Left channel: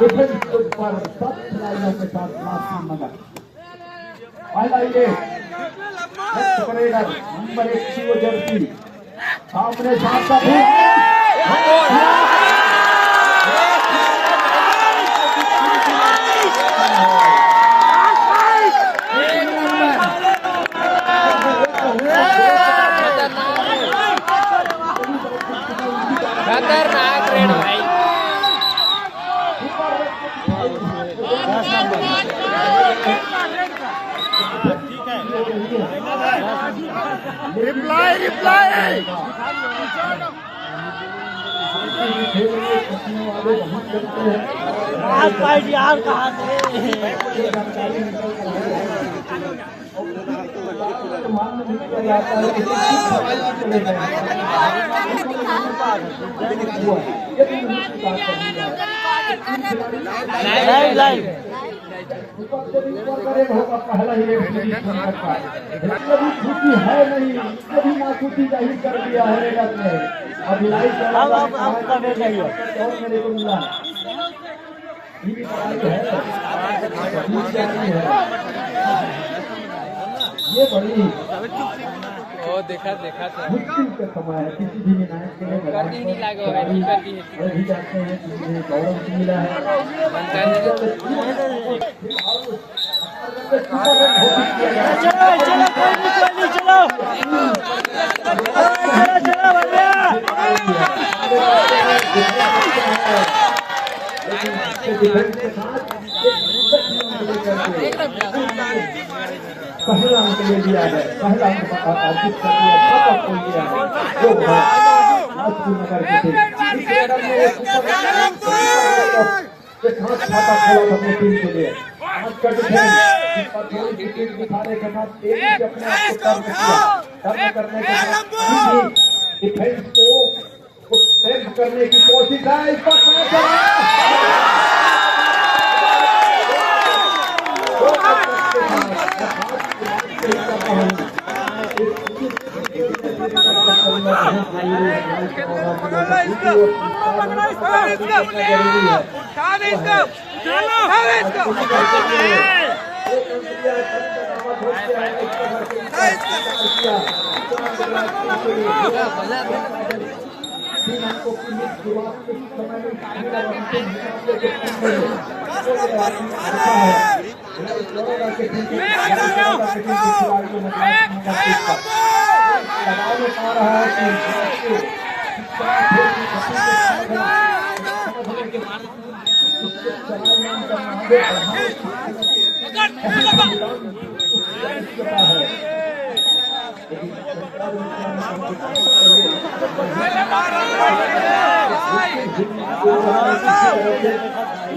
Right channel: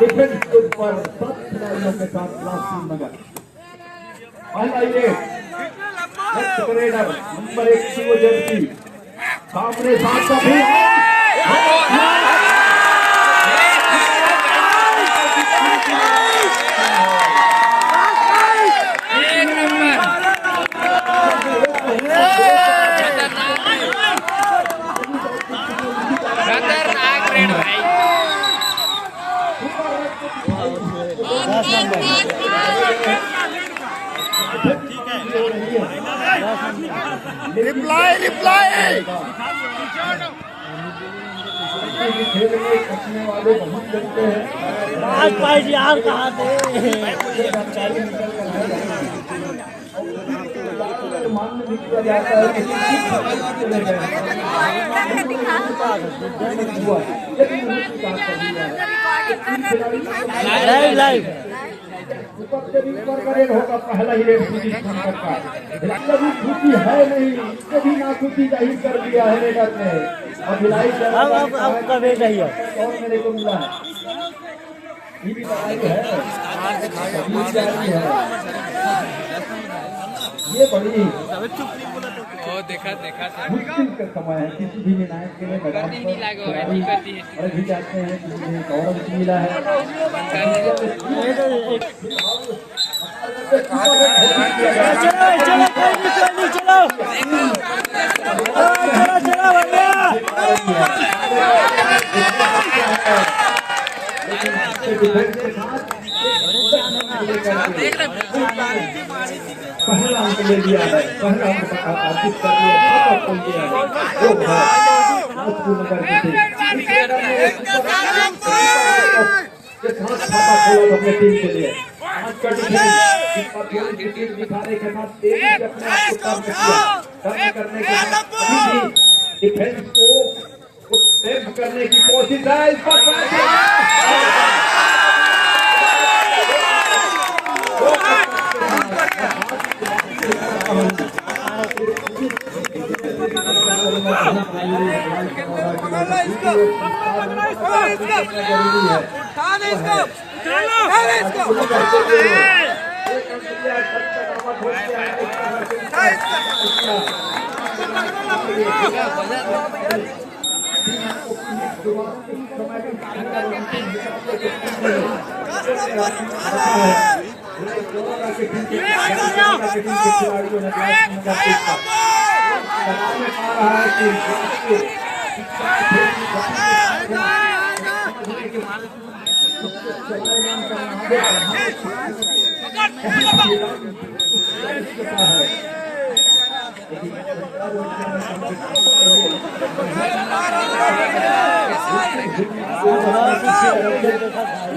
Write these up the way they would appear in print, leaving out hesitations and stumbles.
Defence के ऊपर 7 खिलाड़ियों के साथ लासीम नगर। आइए नेक्स्ट करेडर नंबर 1 की वो जर्सी सामने साथ का भी रिप्लाई रिप्लाई यार कहाँ थे लाइव पहला ही खुशी है नहीं, कभी ना खुशी जाहिर कर दिया है रेगत ने। और आपका बेटा ही है मेरे को मिला ये बड़ी देखा मुश्किल का समय है। किसी भी निर्णायक के लिए मैदान पर खिलाड़ी भी जाते हैं, किसी ने गौरव मिला है। पहला अंक ले लिया है, पहला अंक अर्जित कर लिया, शतक कर लिया है जो है नाजपुर नगर के थे। खाता खोला अपने टीम के लिए आज का डिफेंस दिखाने के साथ तेजी से अपने आप को टर्न करने के साथ डिफेंस को टेम्प करने की कोशिश है। इस पर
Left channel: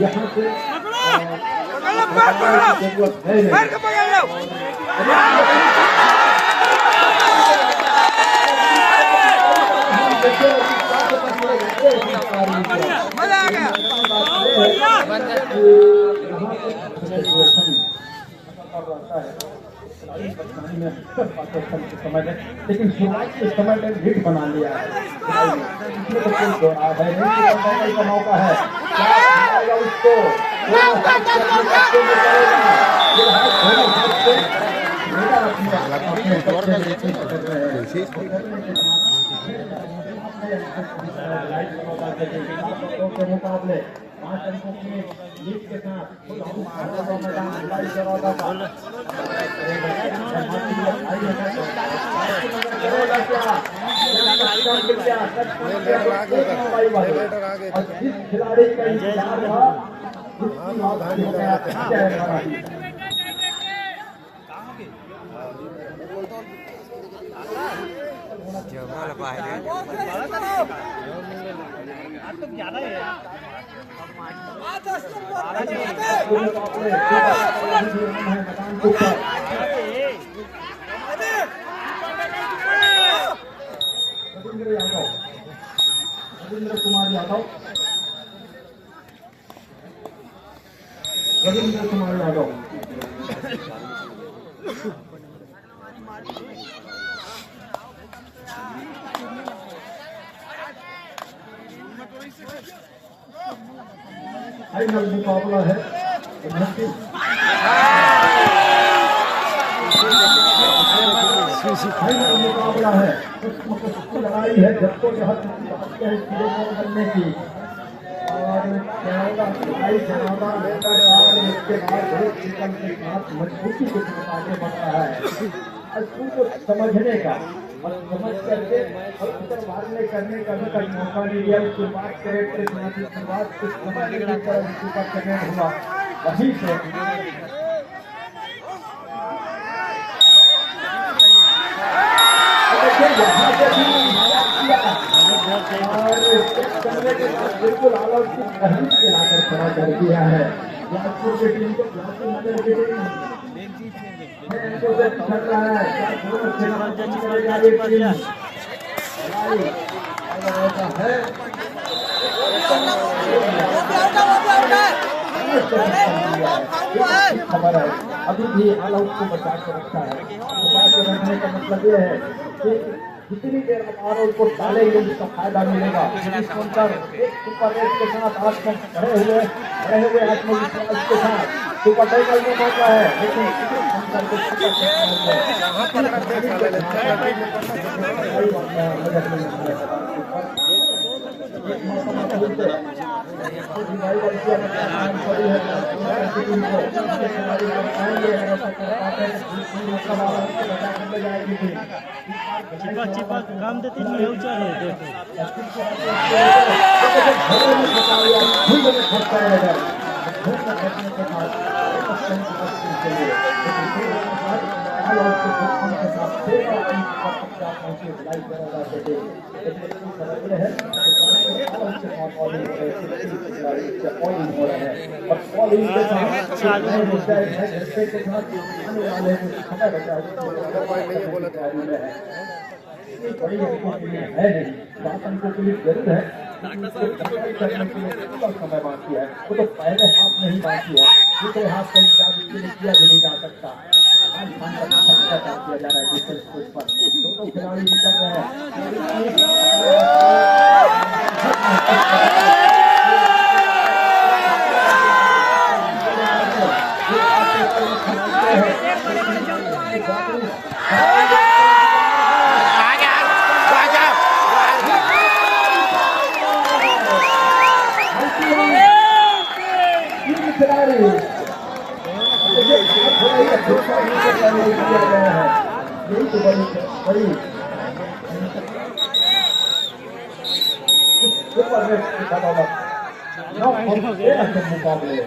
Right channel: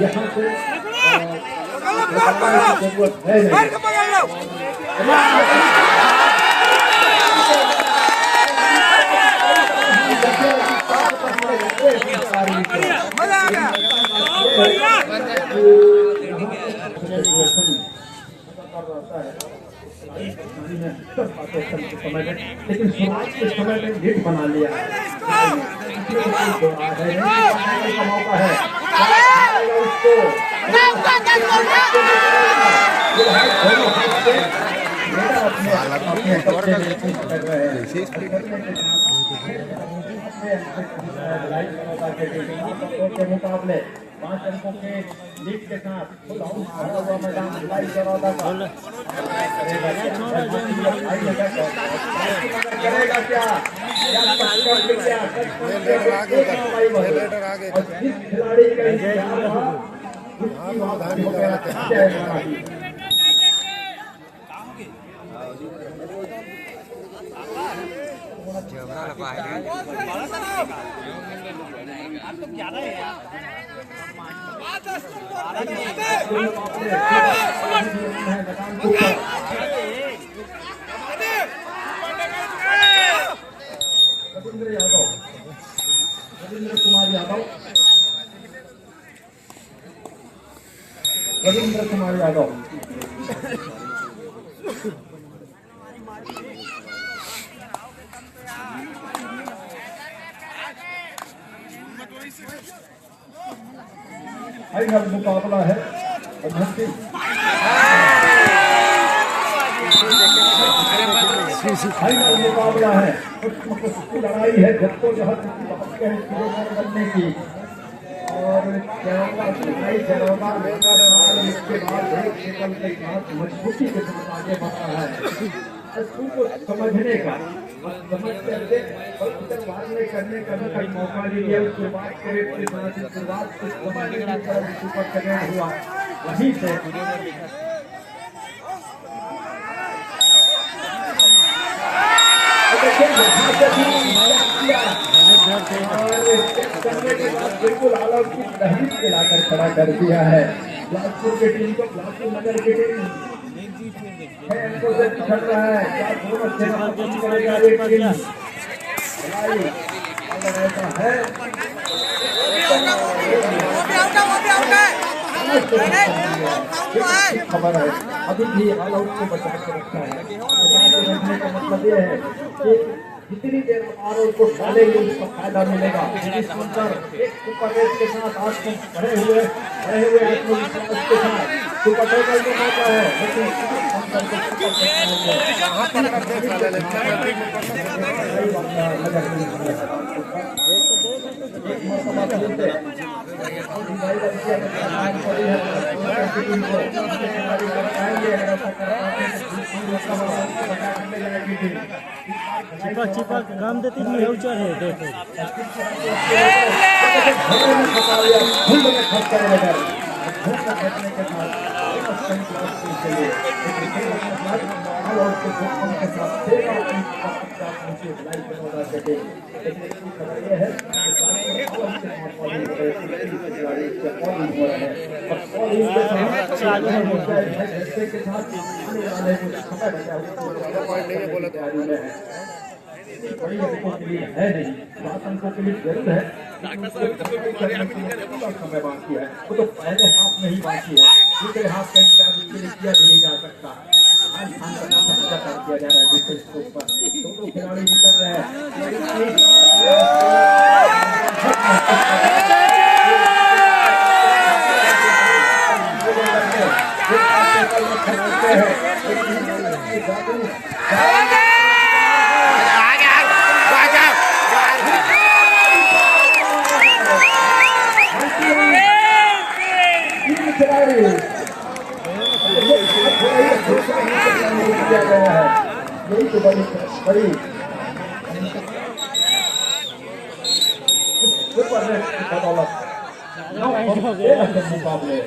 यहाँ से जरूरत है लेकिन शुरुआत के समय में लीड बना लिया है। मौका है उसको के मुकाबले 5 अंकों के लीड के साथ मैदान भिलाई चरौदा का करेगा क्या खिलाड़ी का इंतजार था रविंद्र कुमार यादव फाइनल मुकाबला है फाइनल मुकाबला है लड़ाई है जब करने की और इसके बाद मजबूती के साथ आगे बढ़ रहा है को समझने का और समझ करके और उधर मारने करने का भी मौका दिया। शुरुआत करें शुरुआत कुछ समझने की तरफ सुपर सेकेंड हुआ वहीं से बिल्कुल आल आउट की तहरीक दिलाकर खड़ा कर दिया है बिलासपुर की टीम को। बिलासपुर नगर की टीम छड़ रहा है दोनों सेना करेगा ये टीम ऐसा है खबर है अभी भी ऑल आउट को बचा कर रखा है। बचा कर रखने का मतलब ये है कि जितनी देर ऑल आउट को डालेंगे उसका फायदा मिलेगा। एक सुपर रेट के साथ आप खड़े हुए आत्मविश्वास के साथ सुपर टाइटल में मौका है लेकिन काम देती बड़ी अंकों के लिए है नहीं 7 अंकों के लिए जरूर है लेकिन उसको करने के लिए थोड़ा समय बाकी है। वो तो पहले हाथ में ही बाकी है दूसरे हाथ का इंतजार उसके लिए किया भी नहीं जा सकता। आज खान का समझा किया जा रहा है दूसरे स्कोर पर दोनों खिलाड़ी निकल रहे हैं। खिलाड़ी यही तो बड़ी मुकाबले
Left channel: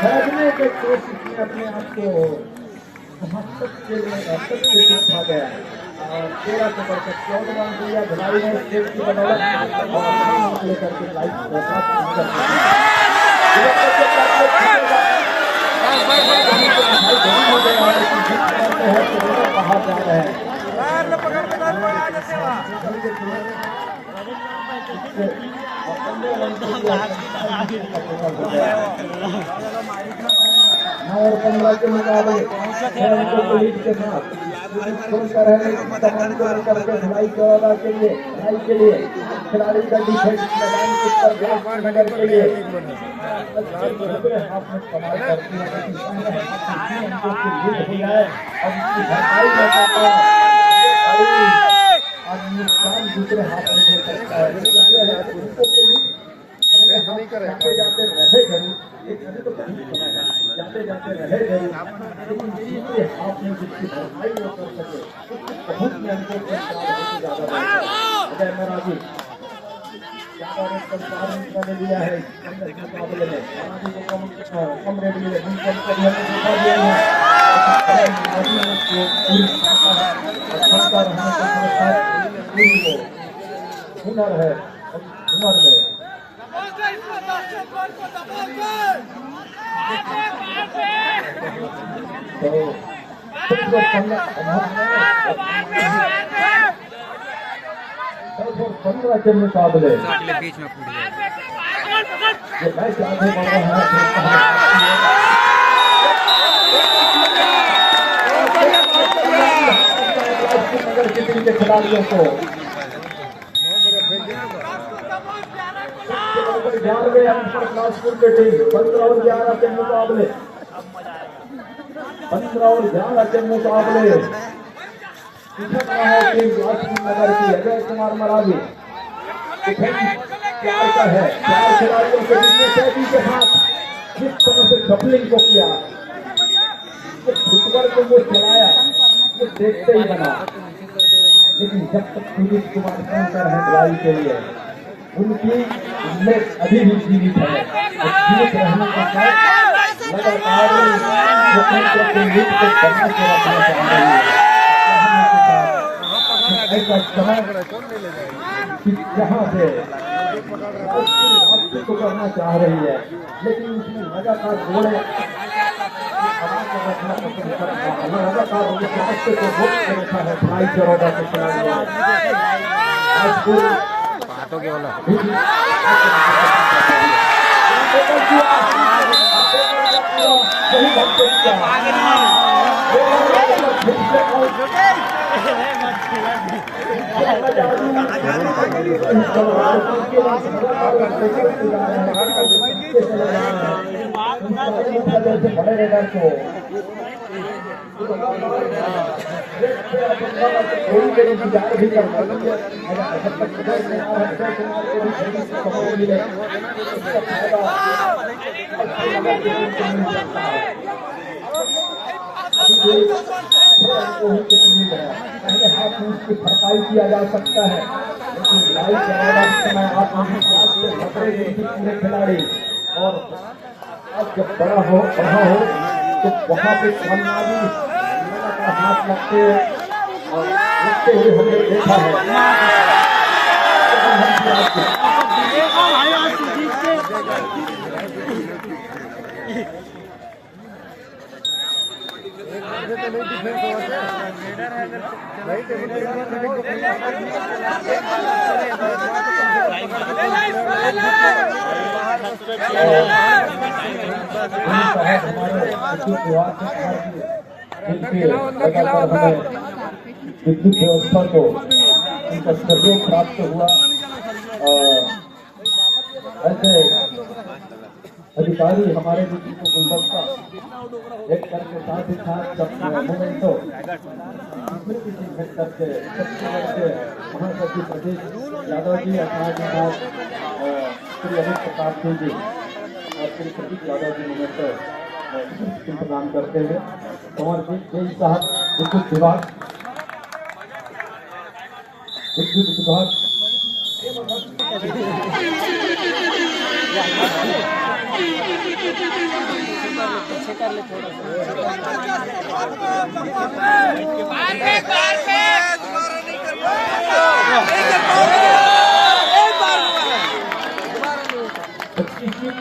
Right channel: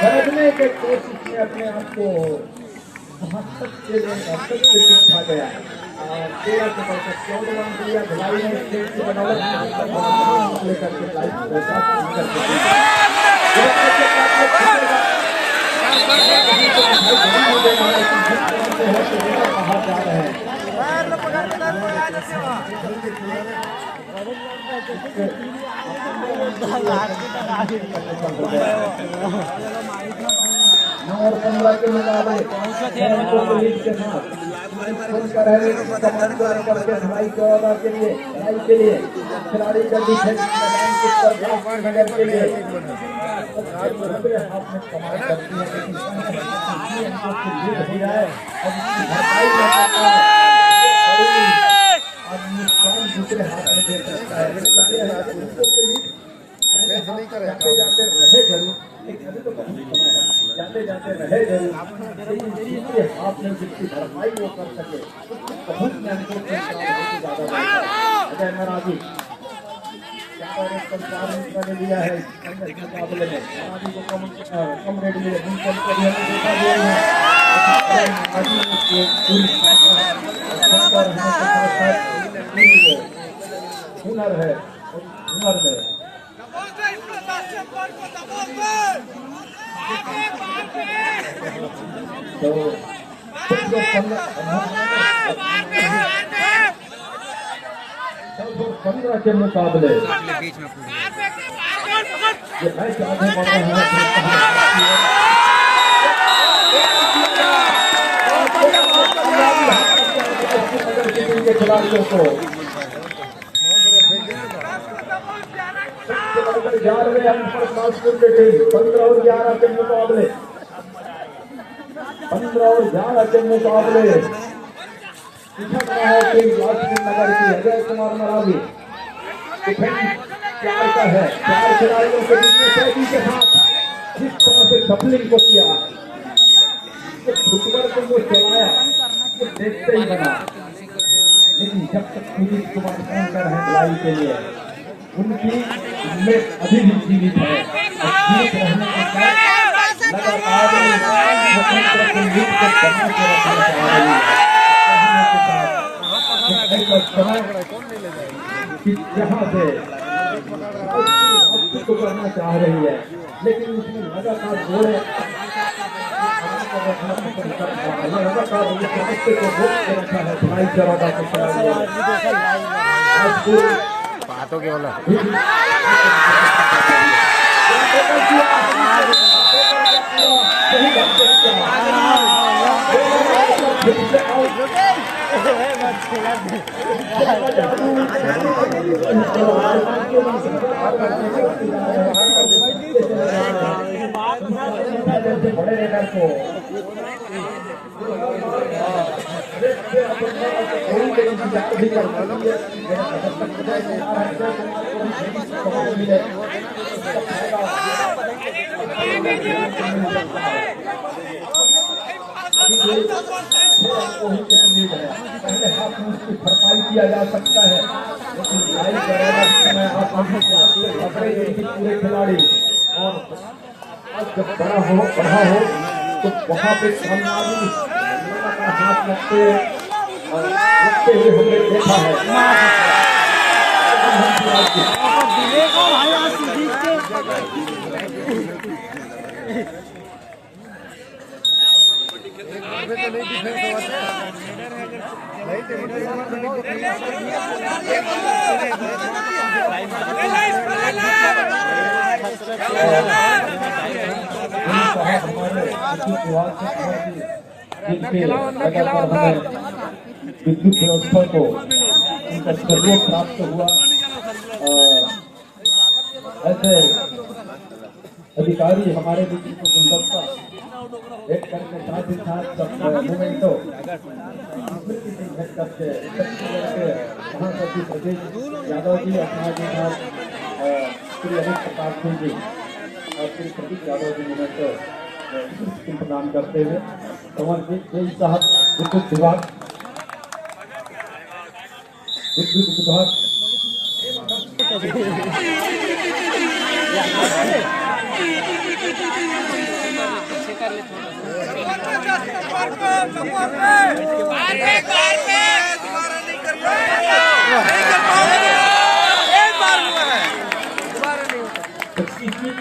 खरदने के कोशिश में अपने आप को के लिए था गया 13 से बढ़कर 14 रन दिया। भिलाई ने स्टेट की बदौलत लेकर के लाइफ कहा जा रहे हैं और 15 के मुकाबले के साथ ढलाई 14 के लिए खिलाड़ी का डिफेंस दूसरे हाथ में दे सकता है जाते जाते रहे जरूर हाथ में जिसकी भरपाई वो कर सके बहुत मेहनत अजय महाराजी ज्यादा रेट पर 4 रन ने लिया है मुकाबले में महाराजी को कम रेट मिले उनके हमने देखा दिया है हुनर है हुनर में तो 15 के मुकाबले ये मैच आगे बढ़ रहा है। टीम के खिलाड़ियों को 11वें अंक पर नागपुर की टीम 15 और 11 के मुकाबले 15 और 11 के मुकाबले पिछड़ रहा है टीम लक्ष्मी नगर की अजय कुमार मरावी चार का है। 4 खिलाड़ियों के बीच में सैदी के साथ जिस तरह से डबलिंग को किया, फुटबॉल को वो चलाया, वो देखते ही बना। लेकिन जब तक सुनील कुमार शंकर है लड़ाई के लिए, उनकी उम्मीद अभी भी जीवित है। जीवित रहने के साथ लगातार को लीड को बना के रखना चाह रही है। यहाँ से वापसी को करना चाह रही है, लेकिन उसमें लगातार जोड़े लगातार रास्ते को रोक के रखा है भाई चरौदा के खिलाड़ियों। बातों के वाला सही ढंग से बड़े रेडर को भी कर पहले हाथ में उसकी भरपाई किया जा सकता है, लेकिन लाइव समय आत्मविश्वास से खतरे में भी पूरे खिलाड़ी। और आज जब बढ़ा हो तो वहाँ पे कामयाबी लगातार हाथ लगते हुए हमने देखा है। तो नहीं डिफेंस होते नहीं टेबल पे एक बार हेडिंग को क्लियर कर दिया एक बार अंदर खिलाओ विद्युत व्यवस्था को उनका सहयोग प्राप्त हुआ। ऐसे अधिकारी हमारे बीच को गुणवत्ता एक करके साथ ही साथ मोमेंटो करके महासचिव प्रदेश यादव जी अपना के साथ श्री अमित प्रताप सिंह जी और श्री प्रदीप यादव जी मोमेंटो प्रदान करते हुए समर्पित जय साहब विद्युत विभाग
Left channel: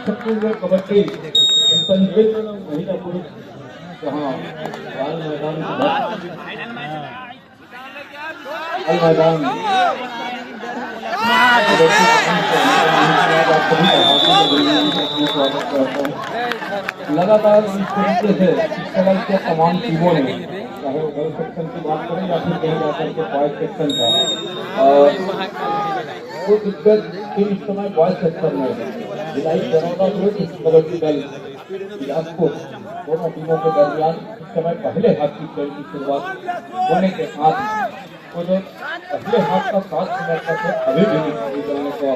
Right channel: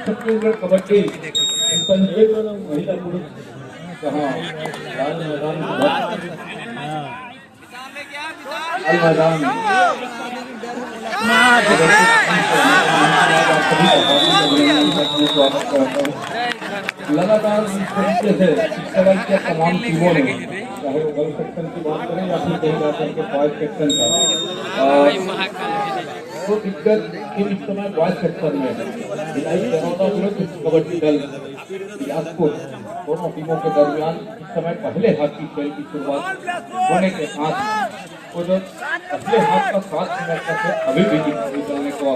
छत्तीसगढ़ कबड्डी महिला पुरुष जहाँ मैदान लगातार इस तरीके से इस तरह के तमाम टीमों ने, चाहे वो गर्ल्स सेक्शन की बात करें या फिर कहीं जाकर के बॉयज सेक्शन का, तो दिग्गज टीम इस समय बॉयज सेक्शन में भिलाई चरौदा विरुद्ध कबड्डी दल बिलासपुर दोनों टीमों के दरमियान इस समय पहले हाफ की खेल की शुरुआत होने के साथ पहले हाथ का 7 मिनट तक अभी भी दिखाई देने को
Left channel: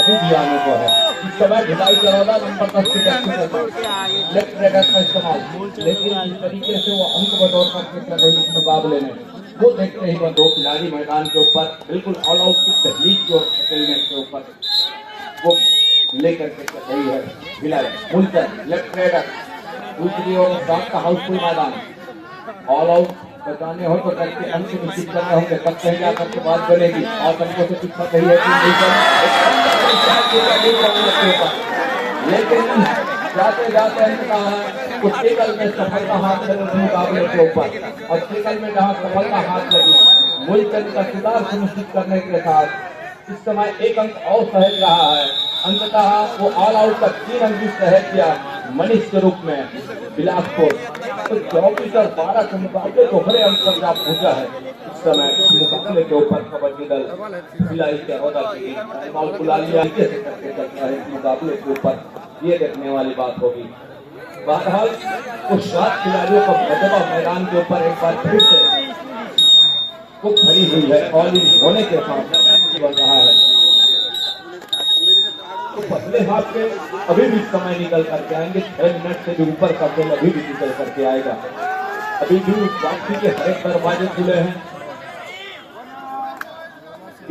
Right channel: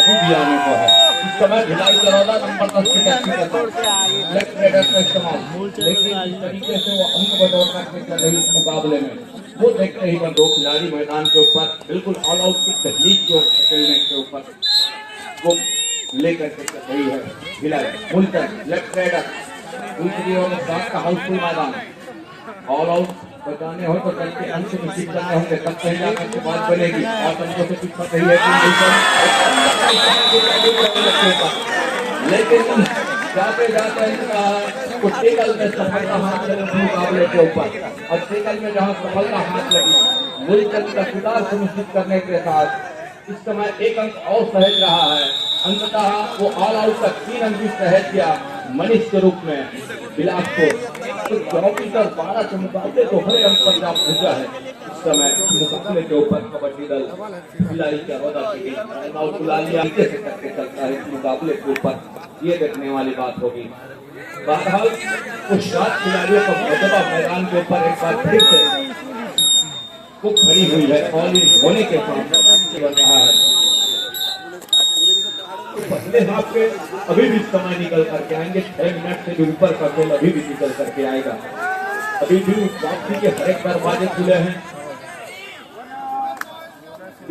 अभी भी आने को है। इस समय भिलाई चरौदा नंबर 10 की लेफ्ट रेडर का इस्तेमाल, लेकिन इस तरीके से वो अंक बटोर करके कर रही इस मुकाबले में, वो देखते ही दो खिलाड़ी मैदान के ऊपर बिल्कुल ऑल आउट की दहलीज की ओर खेलने के ऊपर वो लेकर के कर रही है। भिलाई मुल्तन लेफ्ट रेडर, दूसरी ओर का हाउसफुल मैदान, ऑल आउट बताने हो तो करके अंक निश्चित करने होंगे, तब कहीं जाकर के बात बनेगी। और अंकों से पीछा कही है लेकिन जाते जाते कुछ टेकल में सफलता हाथ लगी मुकाबले के ऊपर, और टेकल में जहाँ सफलता हाथ लगी मुल्तन का सुधार सुनिश्चित करने के साथ इस समय 1 अंक और सहज रहा है। अंततः वो ऑल आउट तक 3 अंक सहज किया। मनीष के रूप में बिलासपुर। तो 24 और 12 के मुकाबले तो हरे अंक पर जा पहुंचा है इस समय। इस मुकाबले के ऊपर कबड्डी दल भिलाई चरौदा की टीम और गुलालिया से करके चलता है इस मुकाबले के ऊपर, ये देखने वाली बात होगी। बहरहाल कुछ 7 खिलाड़ियों का मजबा मैदान के ऊपर एक बार फिर से वो खड़ी हुई है और इस होने के साथ बन रहा है। तो पहले हाथ के अभी भी समय निकल करके आएंगे, 6 मिनट से भी ऊपर का खेल अभी भी निकल करके आएगा। अभी भी वापसी के हर एक दरवाजे खुले हैं।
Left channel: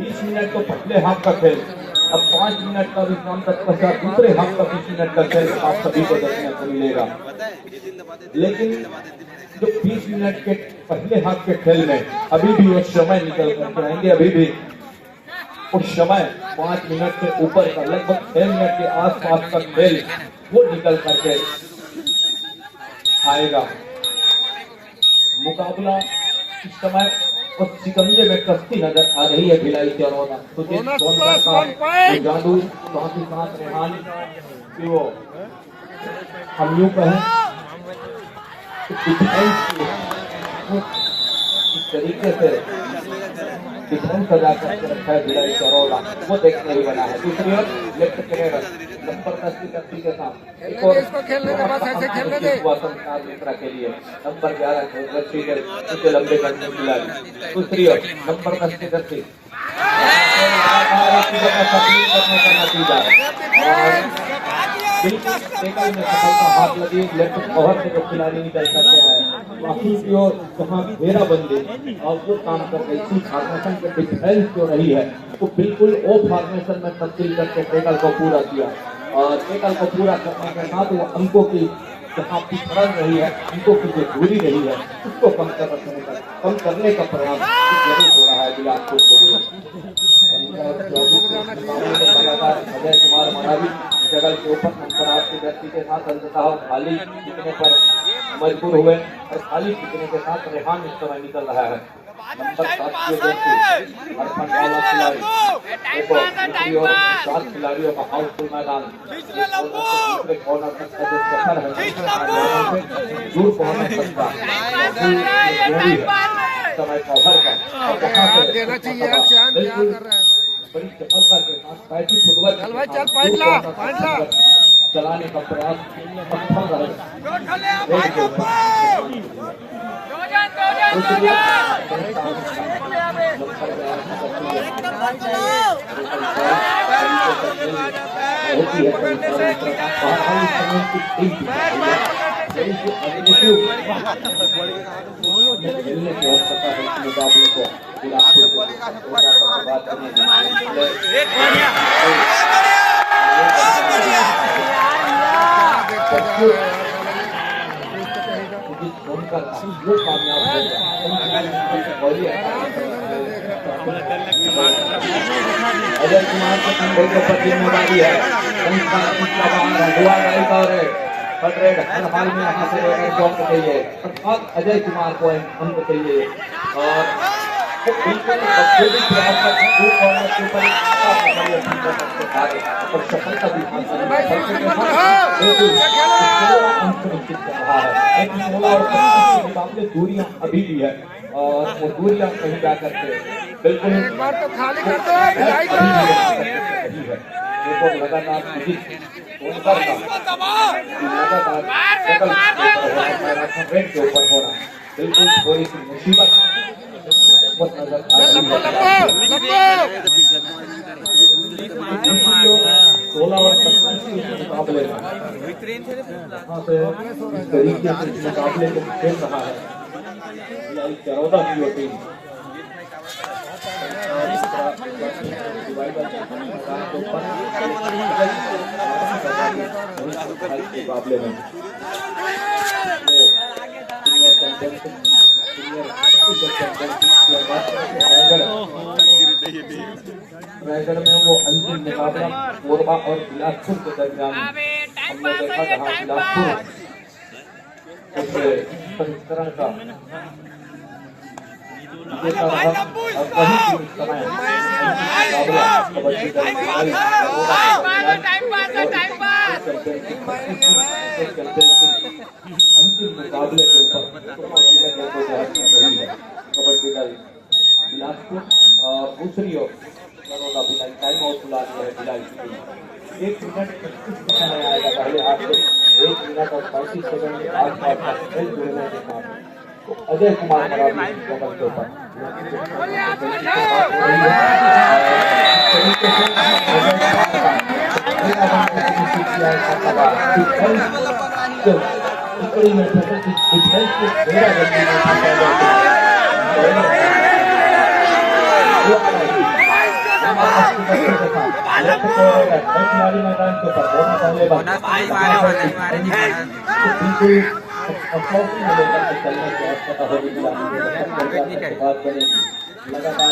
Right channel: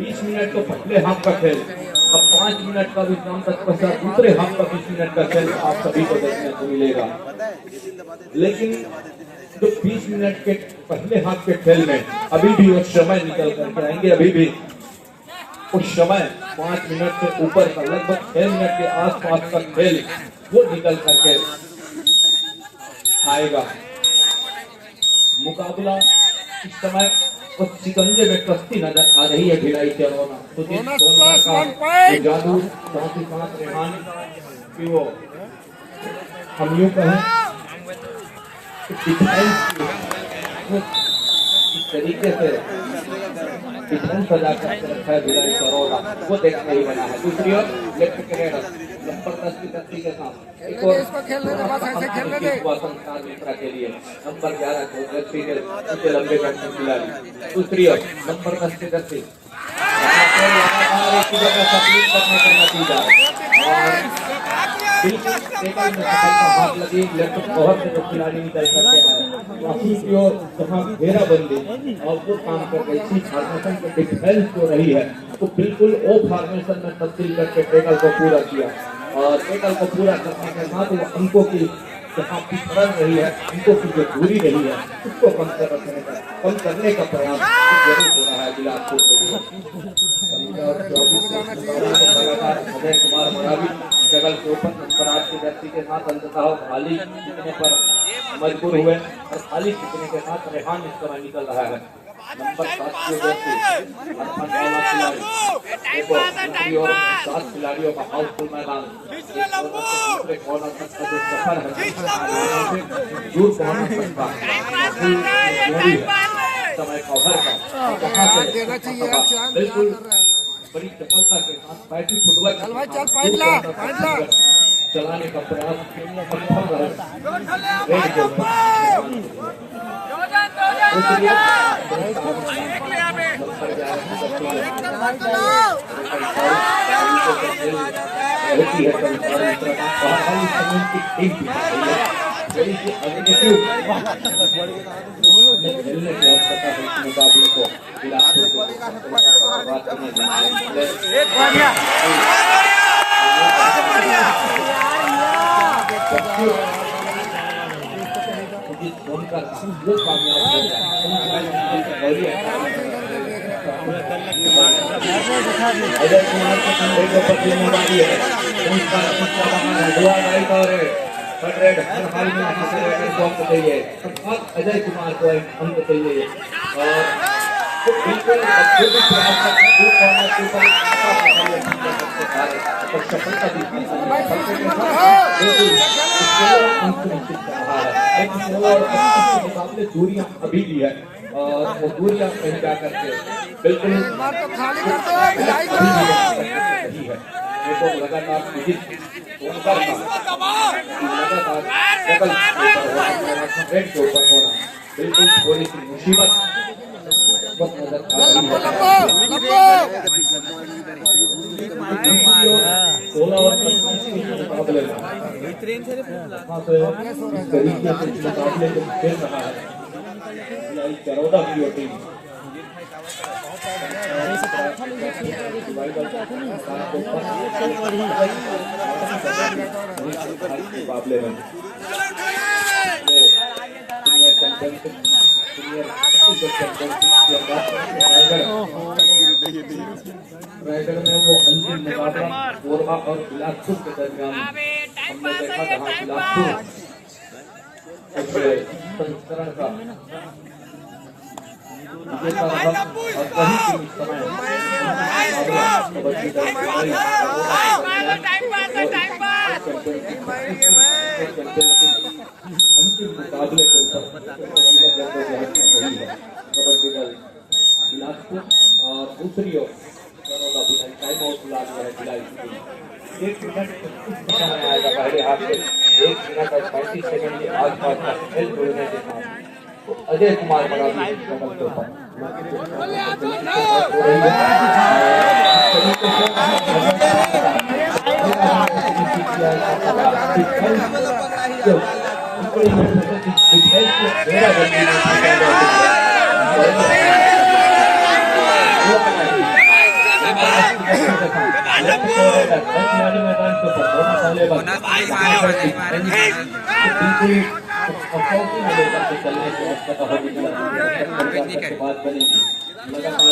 20 मिनट तो पहले हाथ का खेल, अब 5 मिनट का विश्राम तत्पश्चात दूसरे हाथ का 20 मिनट का खेल आप सभी को देखने को मिलेगा। लेकिन जो 20 मिनट के पहले हाथ के खेल में अभी भी वो समय निकल करके आएंगे। अभी भी उस समय 5 मिनट से ऊपर का लगभग 6 मिनट के आसपास का खेल वो निकल करके आएगा। मुकाबला इस समय उस शिकंजे में कश्ती नजर आ रही है भिलाई चरौदा। तो जादू साथ ही साथ रेहान की वो हम यूं कहें इस तरीके से डिफरेंस सजा करके रखा है भिलाई चरौदा, वो देखने ही बना है। दूसरी ओर लेफ्ट कैरेडर जबरदस्ती करती के साथ इसको खेलने के बाद ऐसे खेलने दे के लिए नंबर 11 लंबे करने खिलाड़ी। दूसरी ओर नंबर 10 के करती हाथ लगी लेफ्ट बहुत से जो खिलाड़ी निकल करके आए वापसी की ओर जहाँ घेरा बंदी और वो काम कर रही थी। फॉर्मेशन के डिफेंस जो रही है वो बिल्कुल वो फॉर्मेशन में तब्दील करके टेकल को पूरा किया और टेकल को पूरा करने के साथ वो अंकों की जहाँ पिछड़ रही है, अंकों की जो दूरी रही है उसको कम करने का प्रयास जरूर हो रहा है बिलासपुर के लिए। 15-24 लगातार अजय कुमार मरावी जगल के ऊपर नंबर 8 की धरती के साथ अंततः खाली जीतने पर मजबूर हुए और खाली जीतने के साथ रेहान इस तरह निकल रहा है। नंबर 7 की धरती दूसरी ओर 7 खिलाड़ियों का हाउसफुल मैदान दूसरे कॉर्नर तक का जो सफर है दूर पहुंचने तक का समय कवर का देना चाहिए यार। चांद क्या कर रहा है? बड़ी सफलता के साथ बैटिंग फुटबॉल चल भाई चल, पाँच ला चलाने का प्रयास मुकाबले को बिलासपुर को बात करने अजय कुमार के कंधे के ऊपर जिम्मेदारी है। हर हाल में यहाँ से अंक चाहिए, अर्थात अजय कुमार को एक अंक चाहिए और बिल्कुल सफलता भी मुकाबले दूरियां अभी भी है और वो दूरियां कहीं जा करके बिल्कुल एक बार तो खाली कर दो भिलाई को। लगातार के ऊपर होना बिल्कुल थोड़ी सी मुसीबत लंबो लंबो 16 और 25 के मुकाबले में इस तरीके से इस मुकाबले को खेल रहा है चरौदा की टीम। मुकाबले में रायगढ़ में वो अंतिम मुकाबला कोरबा और बिलासपुर के दरमियान हमने देखा जहाँ बिलासपुर संस्करण का विजेता रहा और वही टीम इस समय मुकाबला कबड्डी दल अंतिम मुकाबले के ऊपर कबड्डी दल बिलासपुर और दूसरी ओर टाइम आउट बुला दिया है भिलाई की टीम। 1 मिनट 25 समय आएगा पहले हाथ से, 1 मिनट और 35 सेकंड के आसपास का खेल जुड़ने के साथ तो अजय कुमार मराठी कदम के ऊपर मैदान के ऊपर लगातार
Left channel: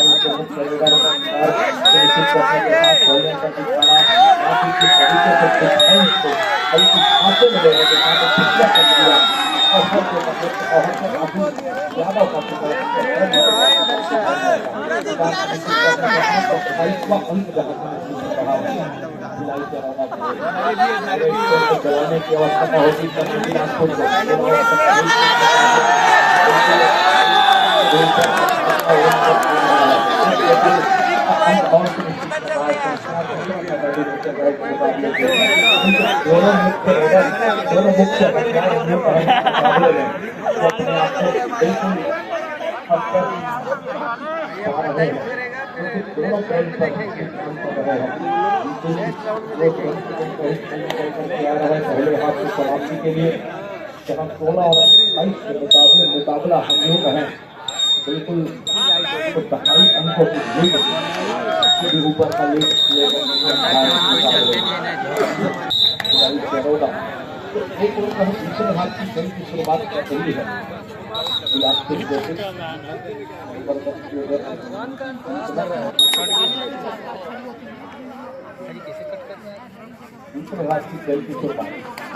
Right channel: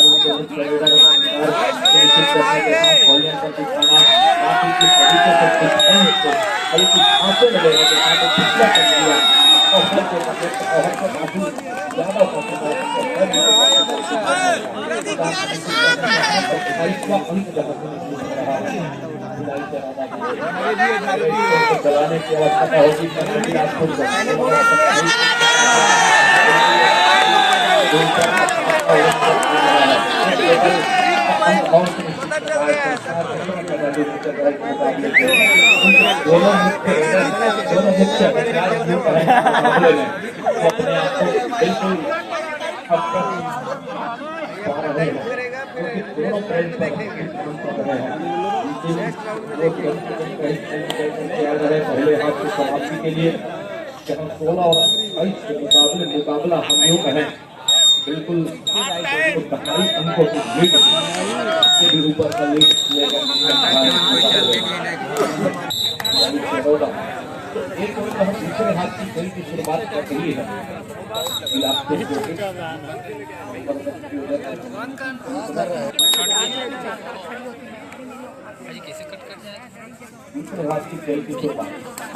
चलाने की आवश्यकता होगी बिलासपुर दोनों मुख्य अपने आप को बिल्कुल दोनों पहले हाथ की समाप्ति के लिए जहाँ 16 और 22 के मुकाबला हम यूँ कहें बिल्कुल 22 अंकों की लीड से भी ऊपर का लीड एक ओर हम दूसरे हाथ की खेल की शुरुआत कर रही है बिलासपुर दूसरे हाथ की खेल की शुरुआत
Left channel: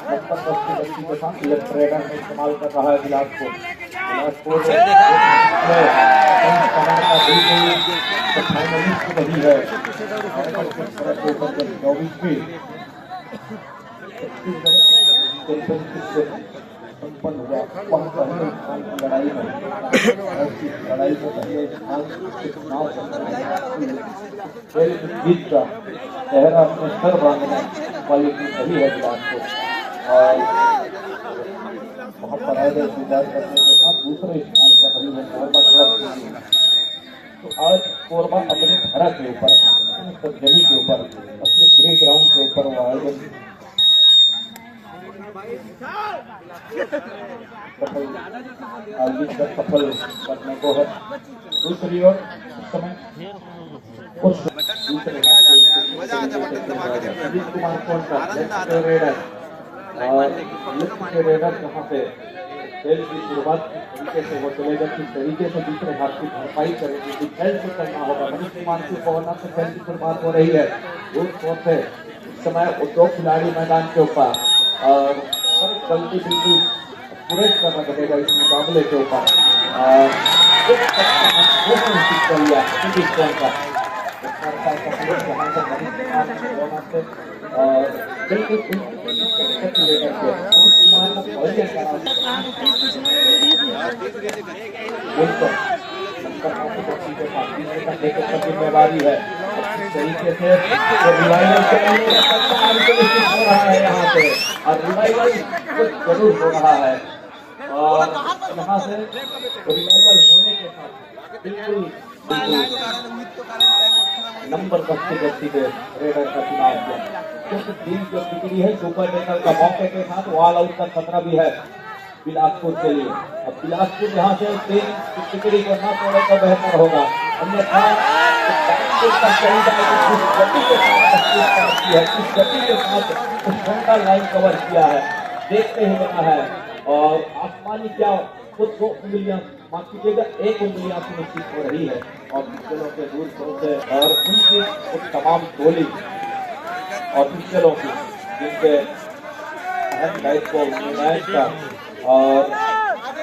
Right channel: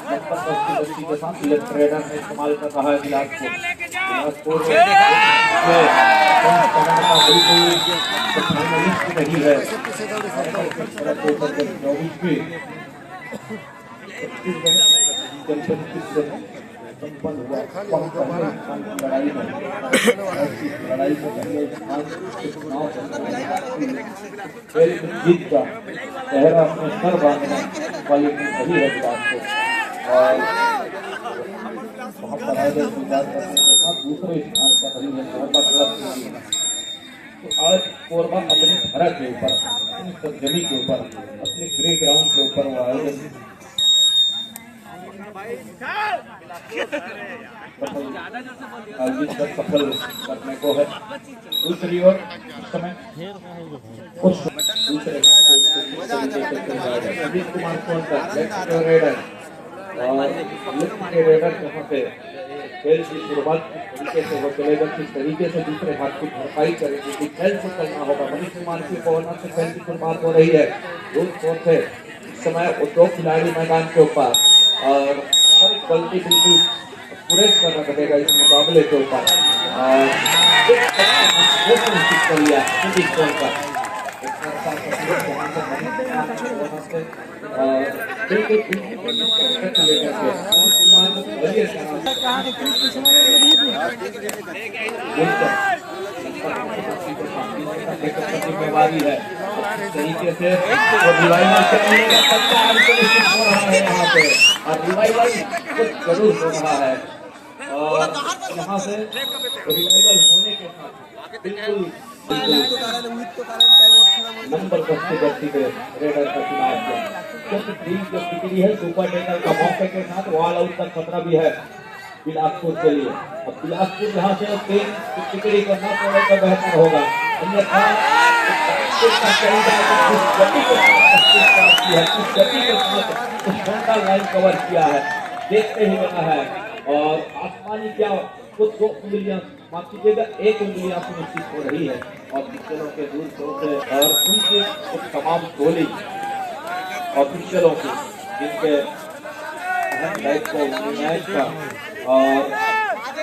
70 के साथ लेफ्ट रेडर में इस्तेमाल कर रहा है बिलासपुर फाइनलिस्ट रही है 24 से संपन्न हुआ वहाँ पहले स्थान की लड़ाई में लड़ाई को पहले स्थान चुनाव जीत का चेहरा अपने सर बांधने वाली टीम रही है बिलासपुर और वहाँ पर आए स्वीकार करने के साथ दूसरे स्थान पर रही है कोरबा क्लब की टीम। तो आज कोरबा अपने धरा के ऊपर अपनी सरजमी के ऊपर अपने ग्रे ग्राउंड के ऊपर वो आयोजन सफल करने को है। दूसरी ओर इस समय दूसरे अजीत कुमार कोंटा लेफ्ट रेडर और लेफ्ट के रेडर जहाँ पे खेल की शुरुआत किस तरीके से वो चलेगा, किस तरीके से दूसरे हाथ की भरपाई करेगी, डिफेंस से करना होगा। मनीष कुमार की कॉर्नर से खेल की शुरुआत हो रही है। से इस समय वो 2 खिलाड़ी मैदान के ऊपर और गलती बिल्कुल पूरे करना पड़ेगा इस मुकाबले के ऊपर कर लिया और बिल्कुल जिम्मेवारी है तरीके से रिवाइवल हो रहा है यहाँ पे और रिवाइवल कुछ जरूर हो रहा है और यहाँ से रिवाइवल होने के साथ बिल्कुल नंबर 10 की गति पे रेडर का चुनाव किया क्योंकि टीम जो बिगड़ी है सुपर टेकर का मौके के साथ वॉल आउट का खतरा भी है बिलासपुर के लिए। अब बिलासपुर यहाँ से टीम टिकड़ी को ना तोड़े तो बेहतर होगा, अन्यथा उस फ्रंटल लाइन कवर किया है देखते ही रहना है और आसमानी क्या खुद 2 उंगलियां माफ कीजिएगा 1 उंगलियां सुनिश्चित हो रही है और पिछलों के दूर से और उनकी तमाम टोली और पिछलों की जिनके अहम दायित्व मैच का और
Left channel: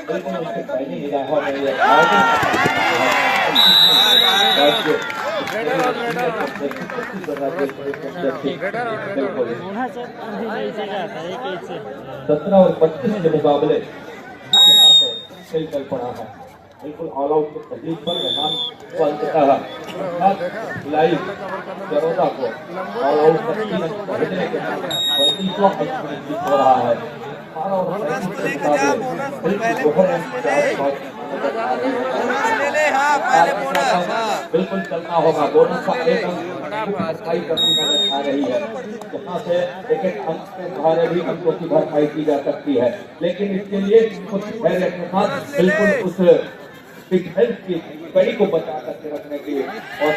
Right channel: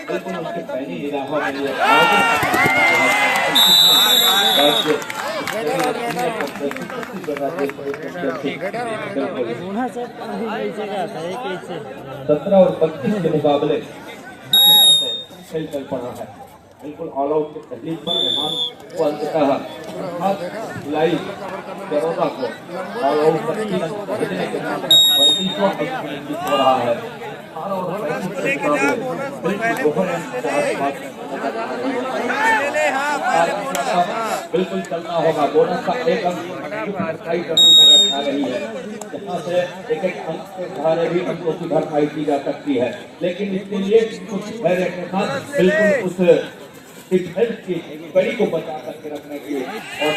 बिल्कुल उसके पहली निगाहों में ये बिल्कुल 17 और 25 के मुकाबले खेल चल पड़ा है। बिल्कुल ऑल आउट तकलीफ पर मेहमान को अंततः लाइव बड़ौदा को ऑल आउट भेजने के बाद 35वां अंक हो रहा है। बिल्कुल चलना होगा, बोनस का एक अंक भरपाई करनी नजर आ रही है, जहाँ से एक एक अंक के सहारे भी अंकों की भरपाई की जा सकती है। लेकिन इसके लिए कुछ धैर्य के साथ बिल्कुल उस डिफेंस की कड़ी को बचा करके रखने की और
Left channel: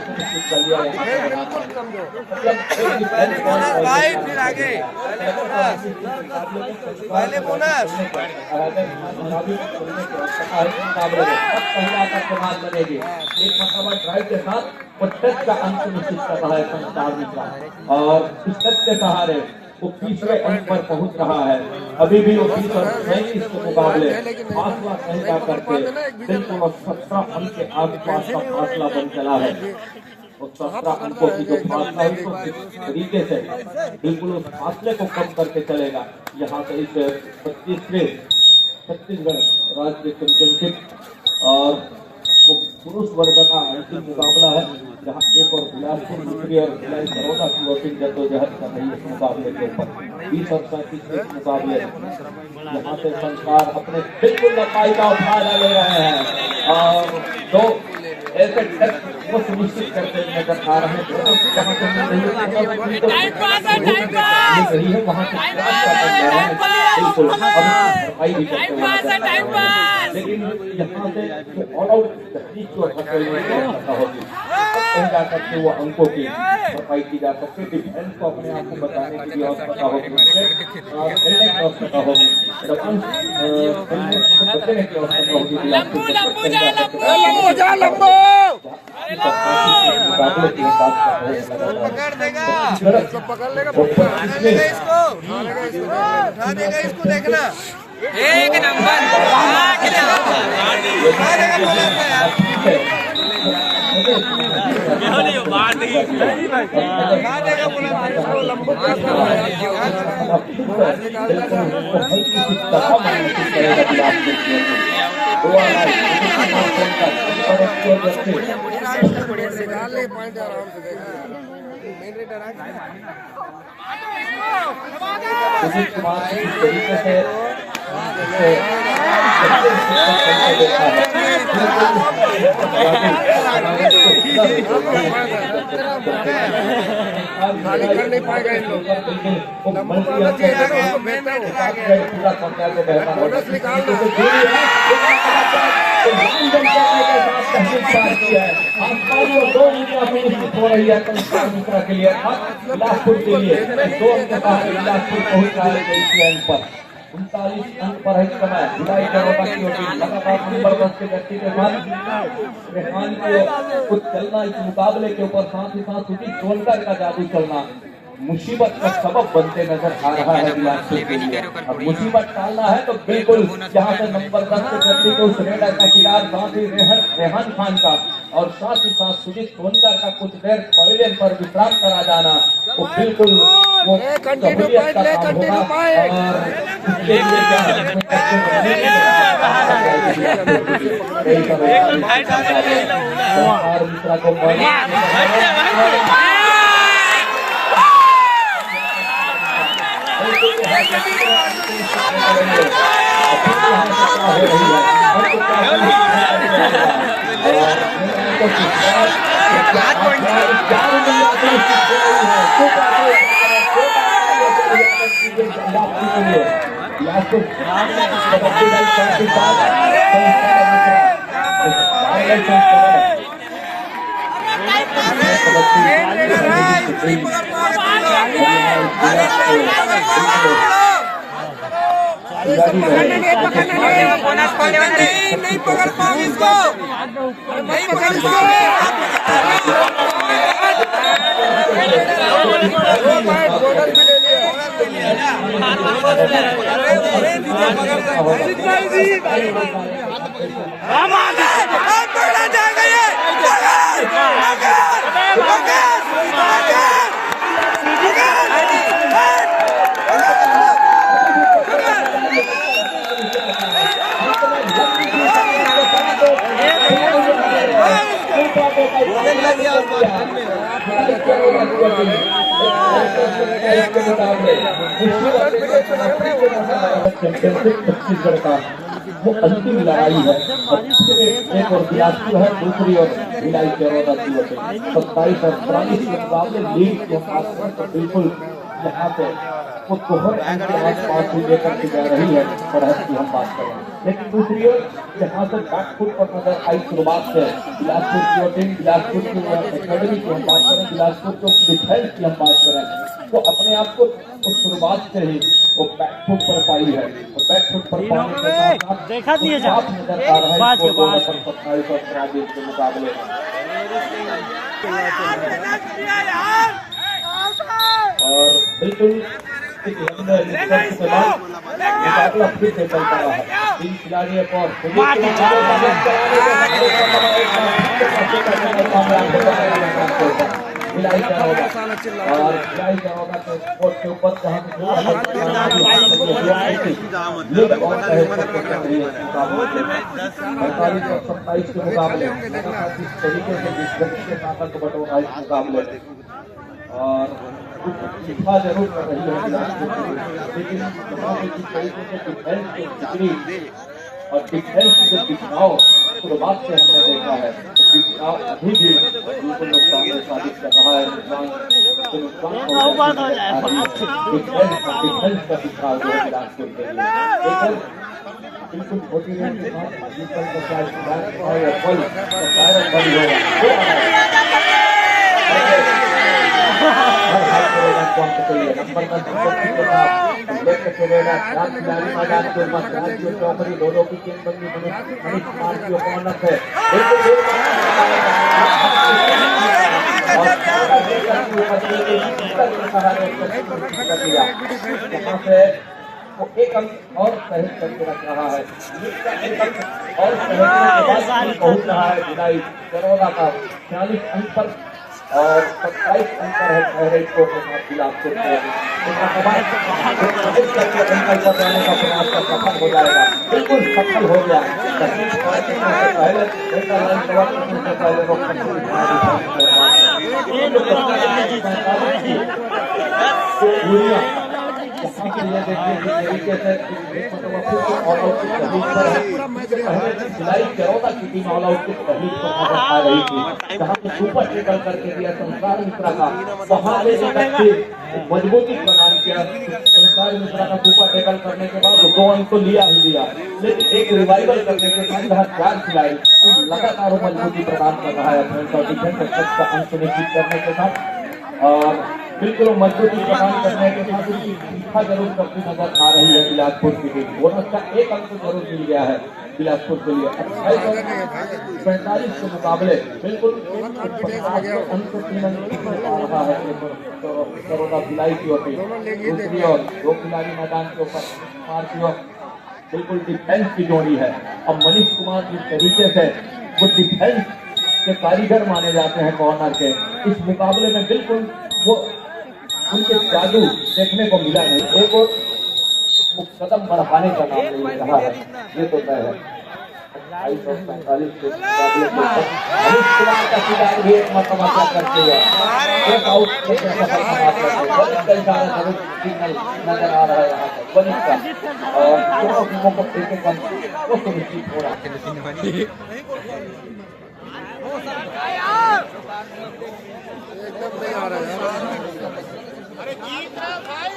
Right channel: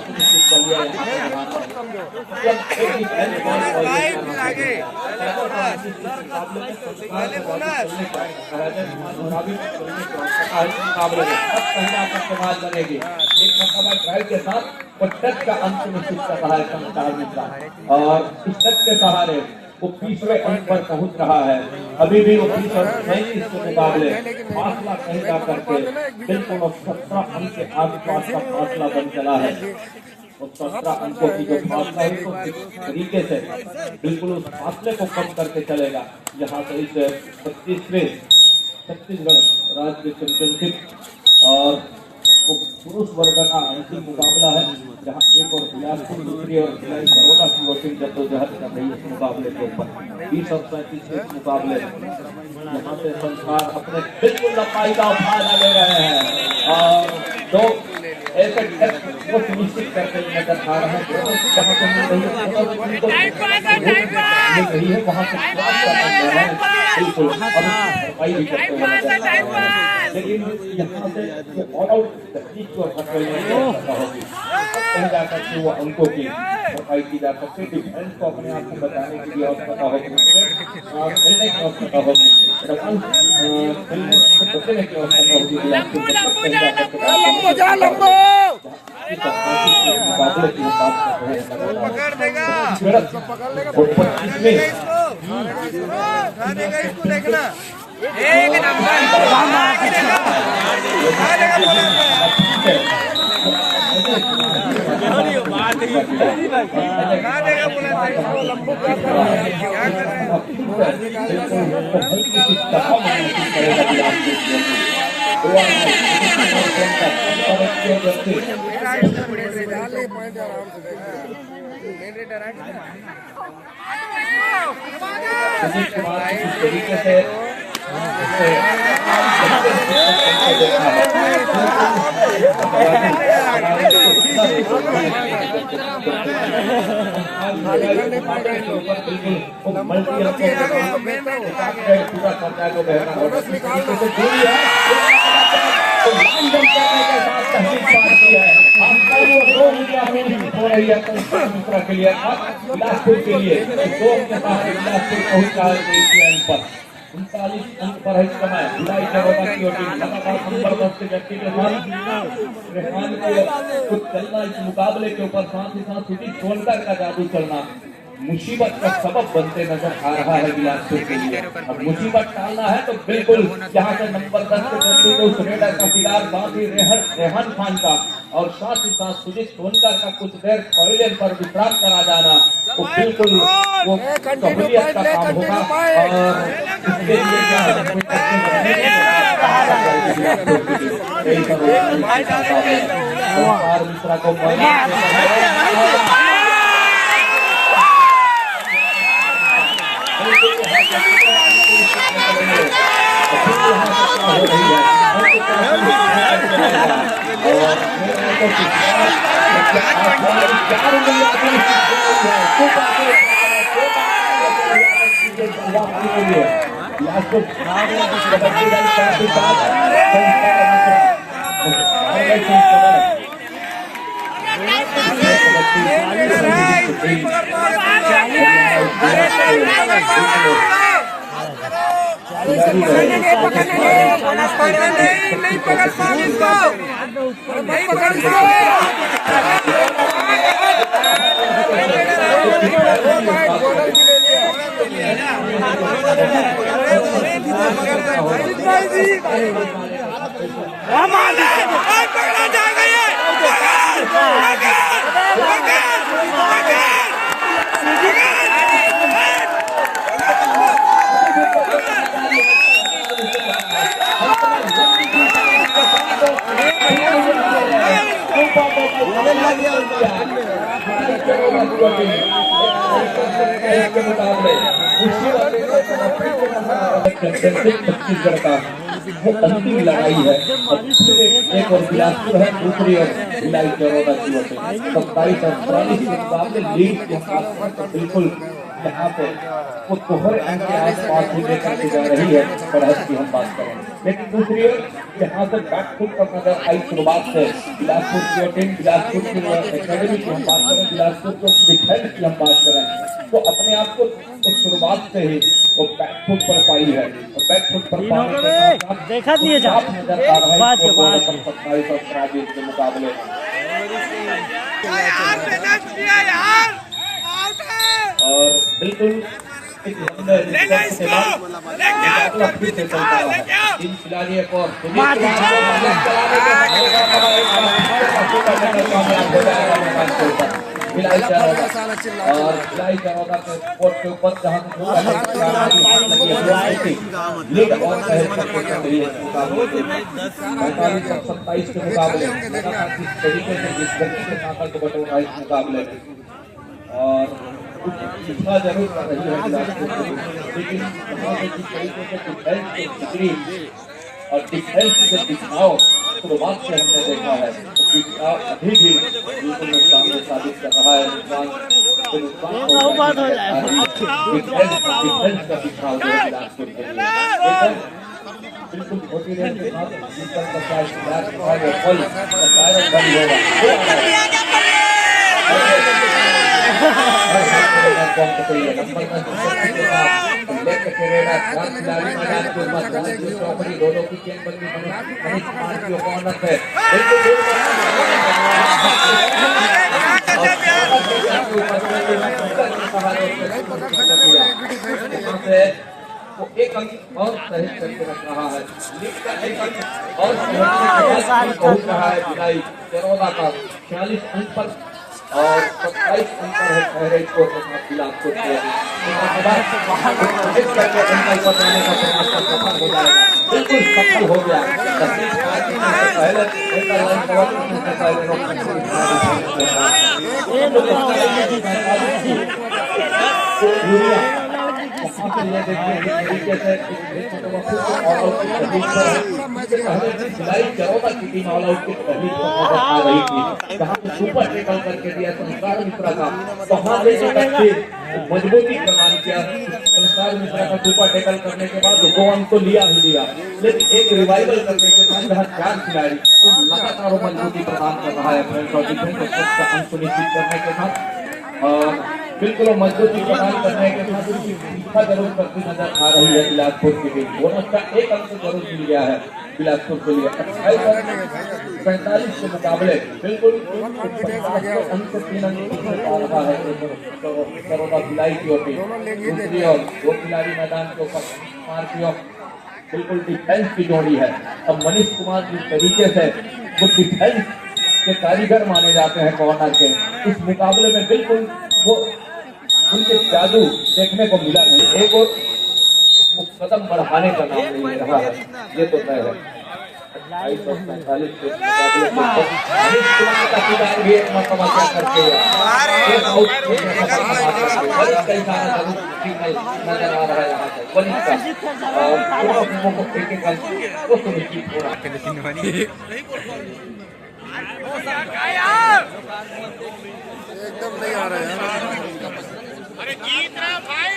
सुनिश्चित कर लिया बनेगी। एक ड्राइव के साथ और टच का अंत निश्चित कर रहा है संचार मिश्रा और इस टच के सहारे वो तीसरे अंक पर पहुंच रहा है। अभी भी वो 30 और 36 के मुकाबले फासला कहता करके बिल्कुल 17 अंक के आसपास का फासला बन चला है। और 17 अंकों की जो फासला है तो तरीके से बिल्कुल उस फासले को कम करके चलेगा। यहाँ से इस 25वें छत्तीसगढ़ राज्य चैंपियनशिप और पुरुष वर्ग का अंतिम मुकाबला है, जहां एक और बिलासपुर दूसरी और भिलाई बड़ौदा की वोटिंग जद्दोजहद कर रही है इस मुकाबले के ऊपर। 20 और 35 के मुकाबले यहाँ से संसार अपने बिल्कुल लंबाई का फायदा ले रहे हैं और दो ऐसे टेस्ट वो सुनिश्चित करके नजर आ रहे हैं वहाँ से बिल्कुल अभी भरपाई भी करते हुए नजर आ रहे हैं। लेकिन यहाँ से जो ऑल आउट तकनीक को पता होगी कहीं जाकर के वो अंकों की भरपाई की जा सकती है। डिफेंस को अपने आप को बचाने की भी आवश्यकता होगी, खेलने की आवश्यकता होगी, बचने की आवश्यकता होगी। एक नंबर खाली कर नहीं पाएगा इन लोग। नंबर पाना चाहिए था ना उसको, बेचता हो बोनस निकाल दो। हो रही है मिश्रा के लिए बिलासपुर के लिए 2 अंक बिलासपुर पहुंच रहा है 23 पर 39 अंक पर है समय। भिलाई बड़ौदा की ओर लगातार नंबर 10 के व्यक्ति के साथ रेहान को कुछ चलना इस मुकाबले के ऊपर, साथ ही साथ सुजीत सोनकर का जादू चलना मुसीबत का सबब बनते नजर आ रहा है बिलासपुर के लिए। अब मुसीबत टालना है तो बिल्कुल यहाँ से नंबर 10 के व्यक्ति को उस रेडर का शिकार, साथ ही रेहान खान का और साथ ही साथ सुजीत सोनकर का कुछ देर पवेलियन पर विश्राम करा जाना तो बिल्कुल वो सहूलियत का काम होगा। इसके लिए मिश्रा को बोनस खोलने वाले नहीं पकड़ पाओगे इसको, नहीं पकड़ इसको। 2 पॉइंट बोनस भी ले लिया। छत्तीसगढ़ का वो अंतिम लड़ाई है और फिर एक और बिलासपुर है, दूसरी और भिलाई चरौदा की ओर 27 और 43 के मुकाबले लीग के आसपास तो बिल्कुल यहाँ पे वो दोहरे अंक के आसपास ही लेकर के जा रही है। बढ़त की हम बात करें, लेकिन दूसरी ओर यहाँ से बैकफुट पर नजर आई शुरुआत से बिलासपुर की टीम, बिलासपुर की एकेडमी की हम बात करें, बिलासपुर को डिफेंस की हम बात करें तो अपने आप को तो शुरुआत से ही वो बैकफुट पर पाई है और बैकफुट पर पाने के साथ देखा नहीं है साफ नजर आ रहा है 27 और 23 के मुकाबले। और बिल्कुल मुकाबला फिर से चलता रहा है। 3 खिलाड़ी एक और भिलाई चरौदा और भिलाई चरौदा के कोर्ट के ऊपर जहाँ लीग और सहज करके चल रही है मुकाबले 45 और 27 के मुकाबले लगातार जिस तरीके से जिस गति के साथ को बटोरा इस मुकाबले में और शिक्षा जरूर कर रही है बिलासपुर की, लेकिन यहाँ से जिस तरीके से डिफेंस की बिगड़ी और डिफेंस की जो दिखाओ शुरुआत से हमने देखा है तो दिखाओ अभी भी बिल्कुल नुकसान साबित कर रहा है। नुकसान डिफेंस का दिखाओ जो है बिलासपुर के लिए लेकिन बिल्कुल छोटी रेंज के साथ जीतल का क्या सुधार और फल शायद बड़ी होगा नंबर खिलाड़ी मैदान के ऊपर चौकड़ी दोनों की गेंदबंदी मनीष कुमार की ओपोनेंट है वो एक अंक और सहज करके रख रहा है, एक अंक और सहज पहुंच रहा है भिलाई चरौदा का 46 अंक पर और 27 अंतर है पहले स्कोर के साथ बिलासपुर के अंकल पर जाने का प्रयास कर सफल हो जाएगा, बिल्कुल सफल हो गया। पहले यहाँ से ये देखिए जिस तरीके से ऑल आउट की तहरीक पर पहले भिलाई चरौदा की टीम ऑल आउट की तहरीक पर नजर आ रही थी, जहाँ पे सुपर टेकल करके दिया संसार मिश्रा का, वहाँ से एक मजबूती प्रदान किया। संसार मिश्रा का सुपर टेकल करने के बाद 2 अंक तो लिया ही लिया, लेकिन एक रिवाइवल करने के बाद जहाँ 4 खिलाड़ी लगातार मजबूती प्रदान कर रहा है अंक सुनिश्चित करने के साथ और बिल्कुल मजबूती प्रदान करने के बाद उनकी शिक्षा जरूर करती नजर आ रही है बिलासपुर की टीम। बोनस का 1 अंक जरूर मिल गया है बिलासपुर के लिए 28 और 45 के मुकाबले बिल्कुल 50 अंक से 3 अंक आ रहा है चरौदा भिलाई की ओर दूसरी ओर 2 खिलाड़ी मैदान के ऊपर कुमार की ओर बिल्कुल डिफेंस की जोड़ी है। अब मनीष कुमार जिस तरीके से वो डिफेंस के कारीगर माने जाते हैं कॉर्नर के, इस मुकाबले में बिल्कुल वो उनके जादू देखने को मिला नहीं, एक और कदम बढ़ाने का नाम नहीं रहा है, ये तो तय है। 28 और 45 के मुकाबले के ऊपर मनीष कुमार का खिलाड़ी भी एक मरतबा क्या करते हुए एक आउट कई सारा जरूर सिग्नल नजर आ रहा है यहाँ पर मनीष का और दोनों टीमों को एक अंक वो सुनिश्चित हो रहा है। एकदम नहीं आ रहा है यार। अरे जीत रहा भाई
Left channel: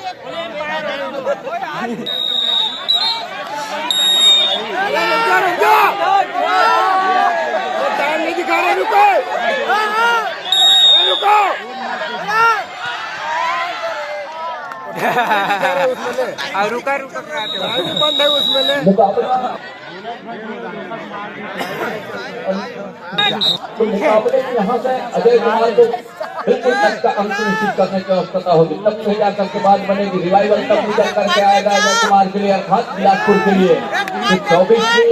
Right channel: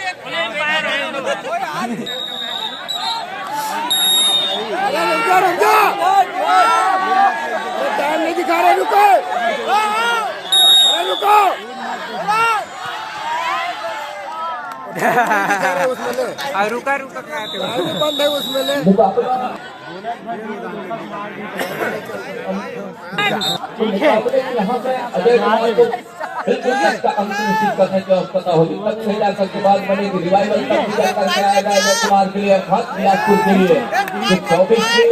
टाइम नहीं दिखा रहे, रुको रुको उसमें ले रुका रुका बंद है उसमें ले मुकाबले यहाँ पे अजय कुमार को बिल्कुल इसका अंत निश्चित करने की आवश्यकता होगी, तब से जाकर के बाद बनेगी रिवाइवल, तब भी जाकर के आएगा अजय कुमार के लिए अर्थात बिलासपुर के लिए 24 की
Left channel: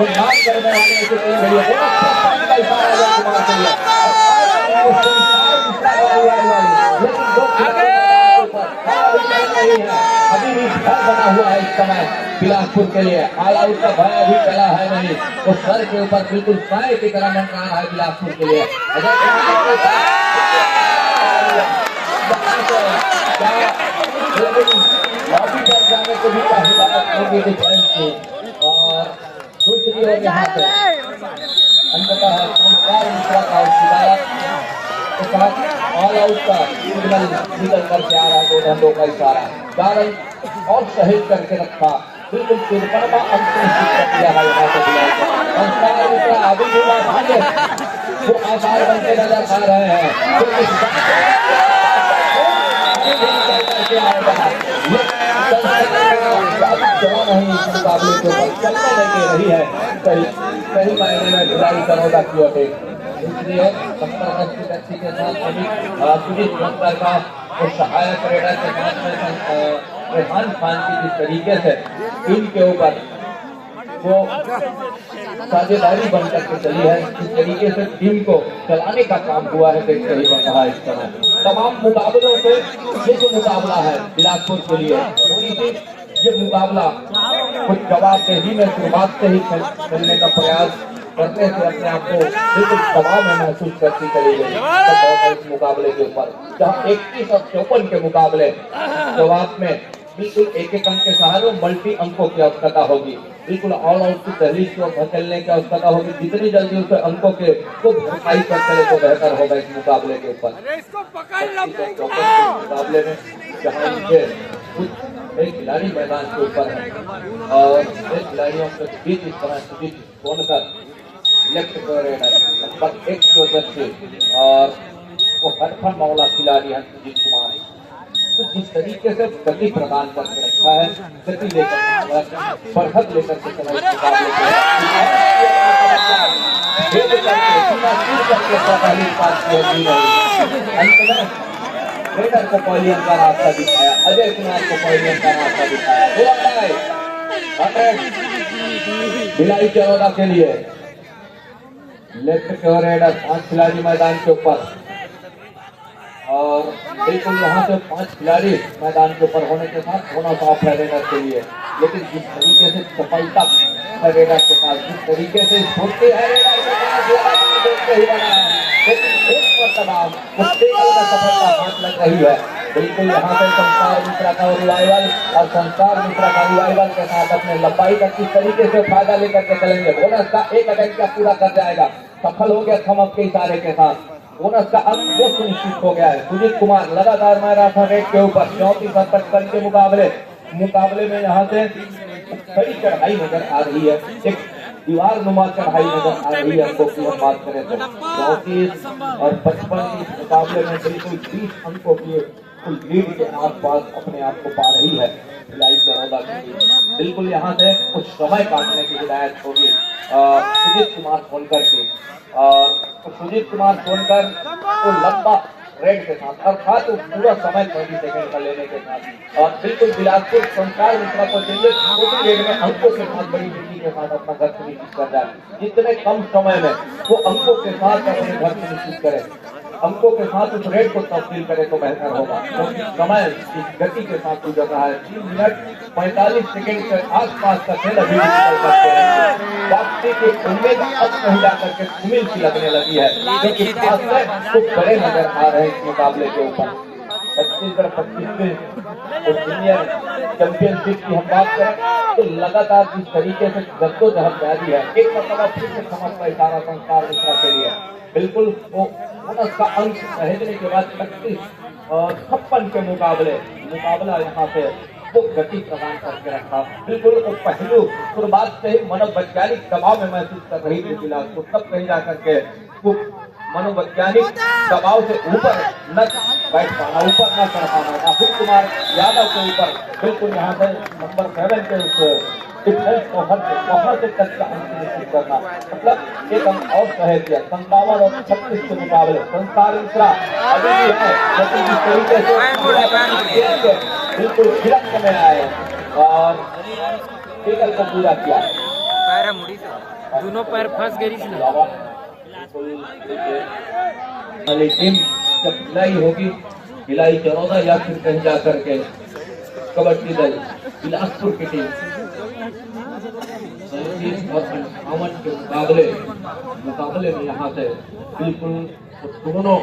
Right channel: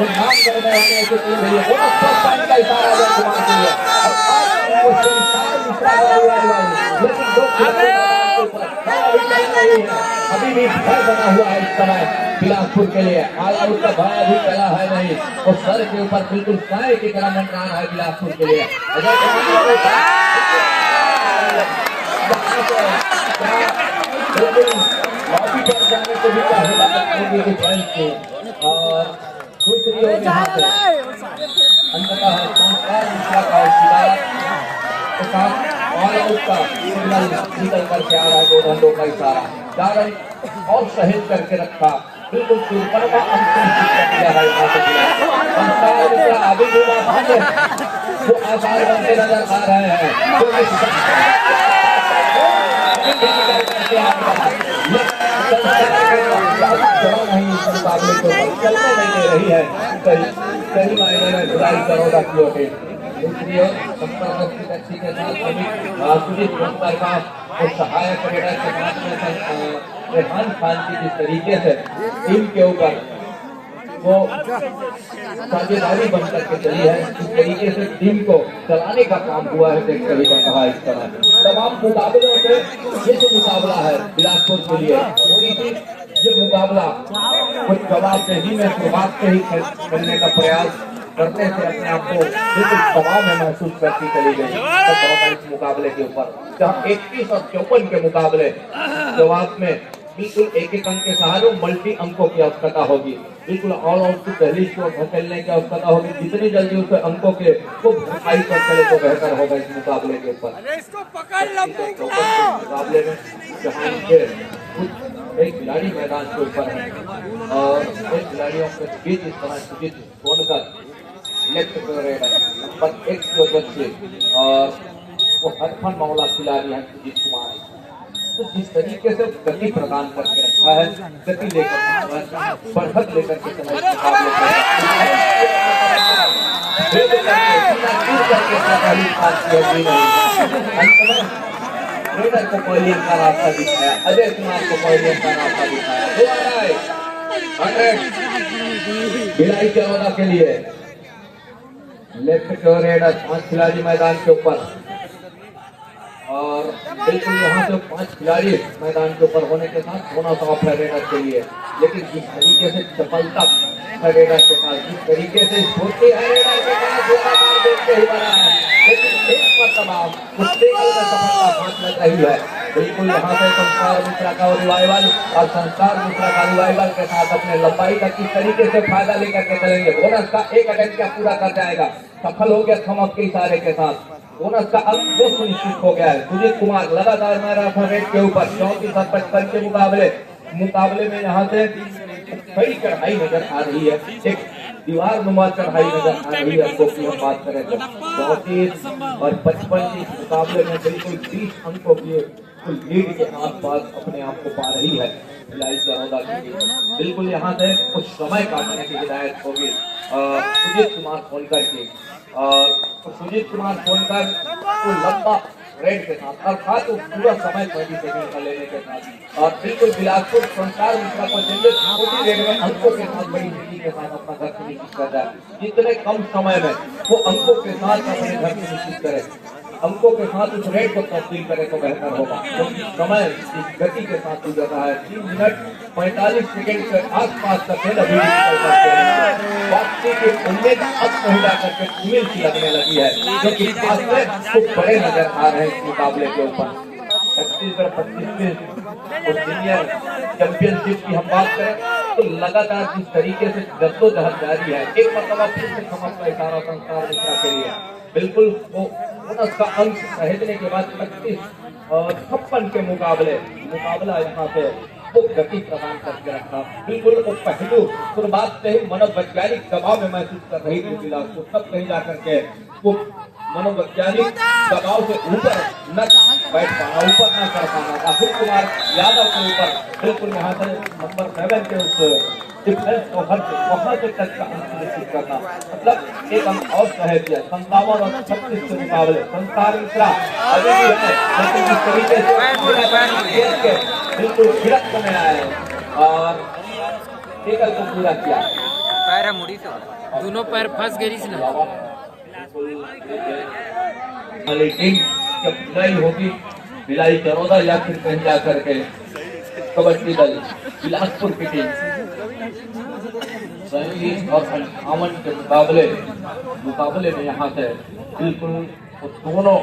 नाम करने वाले के लिए इशारा अजय कुमार के लिए, लेकिन दो अभी भी भय बना हुआ है इस समय बिलासपुर के लिए, ऑल आउट का भय अभी चला है नहीं, वो सर के ऊपर बिल्कुल साए की तरह मंडरा रहा है बिलासपुर के लिए। बिल्कुल लॉबी पर जाने को भी क्या हिदायत होगी डिफेंस की, और दूसरी ओर यहाँ पे अंततः संस्कार मिश्रा का औसीदार के साथ ऑल आउट का सिग्नल निकल करके आ रहा है, 2 रनों का इशारा 4 रन और सहेज करके रखा, बिल्कुल तिरपन का अंत निश्चित कर दिया है यहाँ से संस्कार मिश्रा अभी भी वो आसार बनते नजर आ रहे हैं, नहीं इस मुकाबले के ऊपर चलने नहीं दे रही है, सही मायने में भिलाई चरौदा की ओर दूसरी ओर व्यक्ति के साथ सुजीत सोनकर का और सहायक रेडर के साथ में रेहान खान की जिस तरीके से टीम के ऊपर वो साझेदारी बन करके चली है, इस तरीके से टीम को चलाने का काम हुआ है, देखकर ही बन रहा है इस समय। तमाम मुकाबलों से ये जो मुकाबला है बिलासपुर के लिए, ये मुकाबला कुछ जवाबदेही में शुरुआत से ही खेलने का प्रयास करने से अपने आप को बिल्कुल दबाव में महसूस करती चली गई तब इस मुकाबले के ऊपर, जहाँ 31 और 54 के मुकाबले जवाब में बिल्कुल एक अंक के सहारे मल्टी अंकों की आवश्यकता होगी, बिल्कुल ऑल आउट की पहली की ओर धकेलने की आवश्यकता होगी, जितनी जल्दी उसे अंकों के को भरपाई कर चले तो बेहतर होगा इस मुकाबले के ऊपर। मुकाबले में जहाँ उनके कुछ एक खिलाड़ी मैदान के ऊपर है और इन खिलाड़ियों के बीच इस समय Sujeet Sonkar left raider number 1 की वजह से, और वो हरफन मामला खिलाड़ी है सुजीत कुमार, तो जिस तरीके से गति प्रदान करके रखा है, गति लेकर बढ़त लेकर के समय रेडर को पॉलियन का रास्ता दिखाया, अजय कुमार को पॉलियन का रास्ता दिखाया, भिलाई चरौदा के लिए लेफ्ट रेडर 5 खिलाड़ी मैदान के ऊपर, और बिल्कुल यहाँ से 5 खिलाड़ी मैदान के ऊपर होने के साथ होना साफ है रेडर के लिए, लेकिन जिस तरीके से सफलता है रेडर के पास, जिस तरीके से छोड़ते हैं रेडर के पास देखते ही बना है, लेकिन एक मरतबा उस टेबल में सफलता हाथ लग रही है, बिल्कुल यहाँ से संस्कार मिश्रा का रिवाइवल, और संस्कार मिश्रा का रिवाइवल के साथ अपने लंबाई का किस तरीके से फायदा लेकर के चलेंगे, बोनस का एक अटेम्प्ट क्या पूरा कर जाएगा, सफल हो गया थम अप के इशारे के साथ, बोनस का अंक वो सुनिश्चित हो गया है। सुजीत कुमार लगातार मारा था रेड के ऊपर 34 और 55 के मुकाबले में यहाँ से कई चढ़ाई नजर आ रही है, एक दीवार नुमा चढ़ाई नजर आ रही है। अंकों की हम बात करें तो 34 और 55 के मुकाबले में बिल्कुल 20 अंकों की कुल लीड के आसपास अपने आप को पा रही है भिलाई चरौदा की टीम। बिल्कुल यहाँ से कुछ समय काटने की हिदायत होगी सुजीत कुमार सोनकर की, और सुजीत कुमार सोनकर को लंबा रेड के साथ अर्थात पूरा समय 20 सेकंड का लेने के साथ, और बिल्कुल बिलासपुर संस्कार मिश्रा को छोटी रेड में अंकों के साथ बड़ी नीति के साथ अपना घर सुनिश्चित कर रहा है। जितने कम समय में वो अंकों के साथ अपने घर सुनिश्चित करे, अंकों के साथ उस रेड को तब्दील करे तो बेहतर होगा, क्योंकि समय इस गति के साथ गुजर रहा है। 3 मिनट 45 सेकंड के आसपास का खेल अभी वापसी की उम्मीद अब कहीं जाकर के उम्मीद सी लगने लगी है, क्योंकि फासले खूब बड़े नजर आ रहे हैं इस मुकाबले के ऊपर। 25 में सीनियर चैंपियनशिप की हम बात करें तो लगातार जिस तरीके से जद्दोजहद जारी है, एक मतलब फिर से समझ का इशारा संस्कार मिश्रा के लिए, बिल्कुल वो बोनस का अंक सहेजने के बाद 36 और 56 के मुकाबला यहाँ पे वो गति प्रदान करके रखा। बिल्कुल वो पहलू शुरुआत से ही मनोवैज्ञानिक दबाव में महसूस कर रही थी बिलासपुर, तब कहीं जाकर के वो मनोवैज्ञानिक दबाव से ऊपर न बैठ पाना, ऊपर न चढ़ पाना, राहुल कुमार यादव के ऊपर बिल्कुल यहाँ से नंबर 7 के उस डिफेंस को वहां से तक का अंक निश्चित करना, मतलब एक अंक और कह दिया। 57 और 36 के मुकाबले संसार इंफ्रा अभी भी है, लेकिन जिस तरीके से बिल्कुल गिरफ्त में आए और टेकल को पूरा किया, दोनों पैर फंस गई ना। टीम जब भिलाई होगी, भिलाई चरौदा या फिर कहीं जाकर के कबड्डी दल बिलासपुर की टीम 37 और 58 के मुकाबले में यहाँ से बिल्कुल दोनों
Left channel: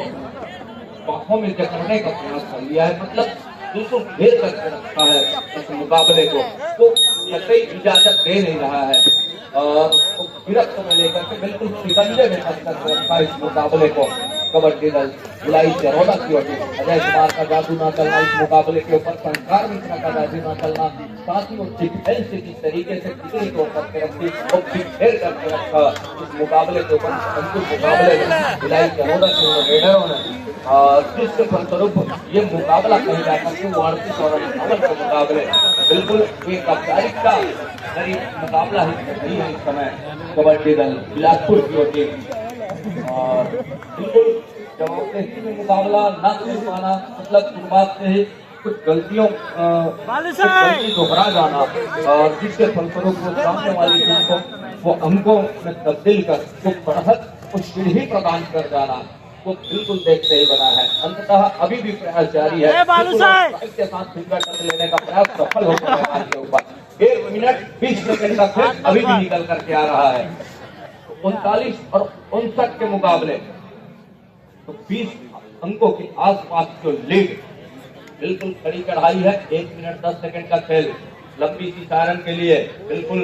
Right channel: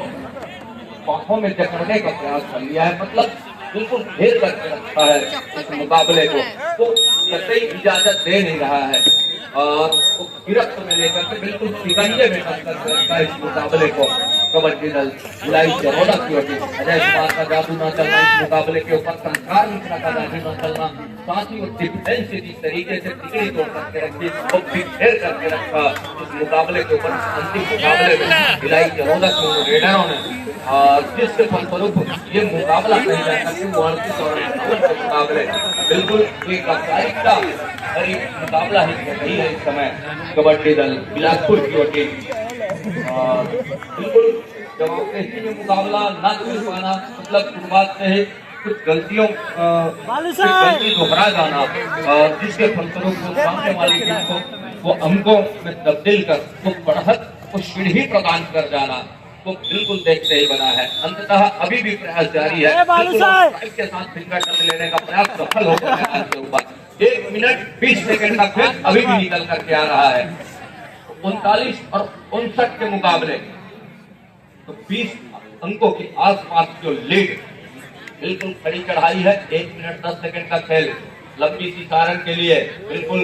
बाहों में जकड़ने का प्रयास कर लिया है, मतलब बिल्कुल घेर करके रखा है इस मुकाबले को, तो कतई इजाजत दे नहीं रहा है और गिरफ्त में लेकर के बिल्कुल शिकंजे में कर रखा है इस मुकाबले को। कबड्डी दल भिलाई चरौदा की ओर अजय कुमार का जादू न चलना इस मुकाबले के ऊपर, संस्कार मिश्रा का जादू न चलना, साथ ही वो डिफेंस जिस तरीके से टिकड़ी को करके रखी वो घेर करके रखा इस मुकाबले के ऊपर। अंतिम मुकाबले में भिलाई चरौदा के रेडरों ने जिसके फलस्वरूप ये मुकाबला कहीं जाकर के 38 और 58 के मुकाबले बिल्कुल एक औपचारिकता भरी मुकाबला ही है इस समय कबड्डी दल बिलासपुर की ओर और बिल्कुल जवाबदेही में मुकाबला न कर पाना, मतलब शुरुआत से ही कुछ गलती दोहरा जाना और जिसके फलस्वरूप वो सामने वाली टीम को वो अंकों में तब्दील कर कुछ बढ़त कुछ सीढ़ी प्रदान कर जाना, तो बिल्कुल देखते ही बना है। अंततः अभी भी प्रयास जारी है, के साथ फिंगर टच लेने का प्रयास सफल होकर मैदान के ऊपर 1 मिनट 20 सेकंड का खेल अभी भी निकल करके आ रहा है। 39 और 59 के मुकाबले तो 20 अंकों के आसपास जो लीड बिल्कुल खड़ी चढ़ाई है। 1 मिनट 10 सेकंड का खेल लंबी सी सारंग के लिए बिल्कुल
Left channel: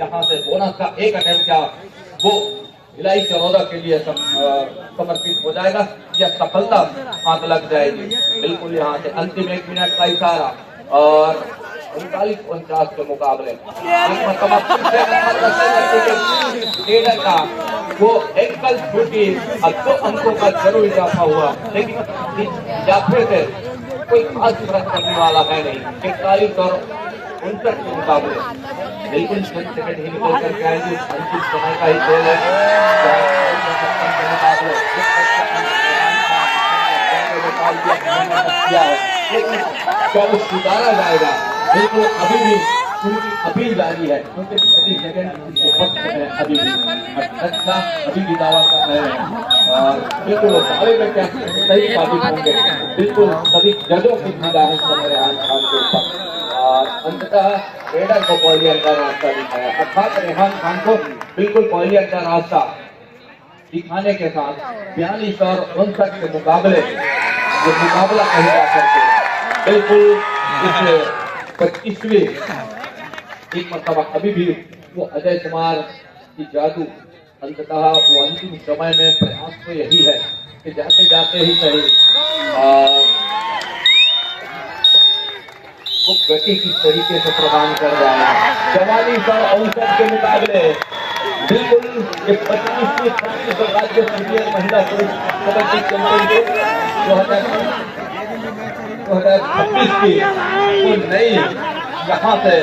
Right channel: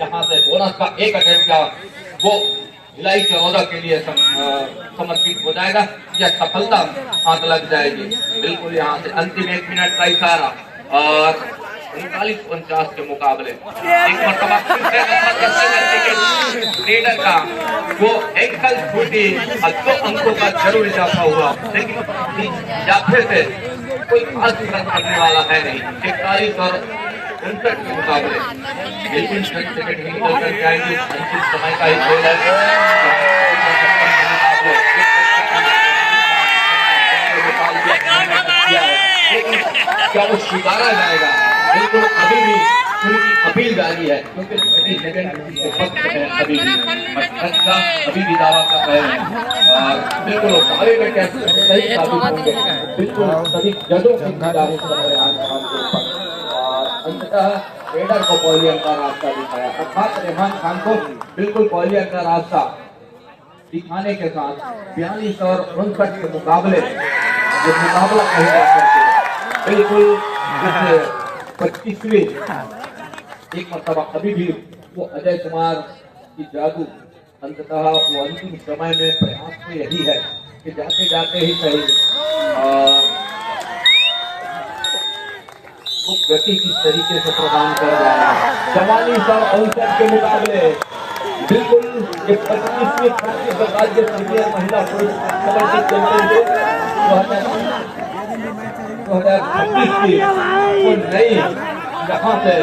यहाँ से बोनस का एक अटेम्प्ट का वो भिलाई चरौदा के लिए समर्पित हो जाएगा या सफलता हाथ लग जाएगी। बिल्कुल यहाँ से अंतिम 1 मिनट का इशारा और 39-49 के मुकाबले एक मरतबा फिर से नंबर रेडर का वो एंकल छूटी और 2 अंकों का जरूर इजाफा हुआ, लेकिन इजाफे से कोई खास फर्क पड़ने वाला है नहीं। 41 और 59 के मुकाबले बिल्कुल चंद सेकंड ही निकल करके आएंगे, अंतिम समय का ही खेल है। क्या वो सुधारा जाएगा? बिल्कुल अभी भी उनकी अपील जारी है, क्योंकि 30 सेकंड वक्त है अभी भी, अभी भी दावा कर रहे हैं और बिल्कुल दावे में क्या सही साबित होंगे, बिल्कुल सभी जजों की निगाहें सब रेहान खान के ऊपर और अंततः रेडर को पहले अंका रास्ता दिखाया, अर्थात रेहान खान को बिल्कुल पहले अंका रास्ता दिखाने के साथ 42 और 59 के मुकाबले जो मुकाबला कहीं जा करके बिल्कुल 25वीं एक मरतबा अभी भी वो अजय कुमार की जादू अंततः वो अंतिम समय में प्रयास तो यही है कि जाते जाते ही सही वो गति किस तरीके से प्रदान कर जाएगा। 44 और 59 के मुकाबले बिल्कुल ये 25वीं राज्य सीनियर महिला पुरुष कबड्डी चैंपियनशिप 2026 की नई यहाँ से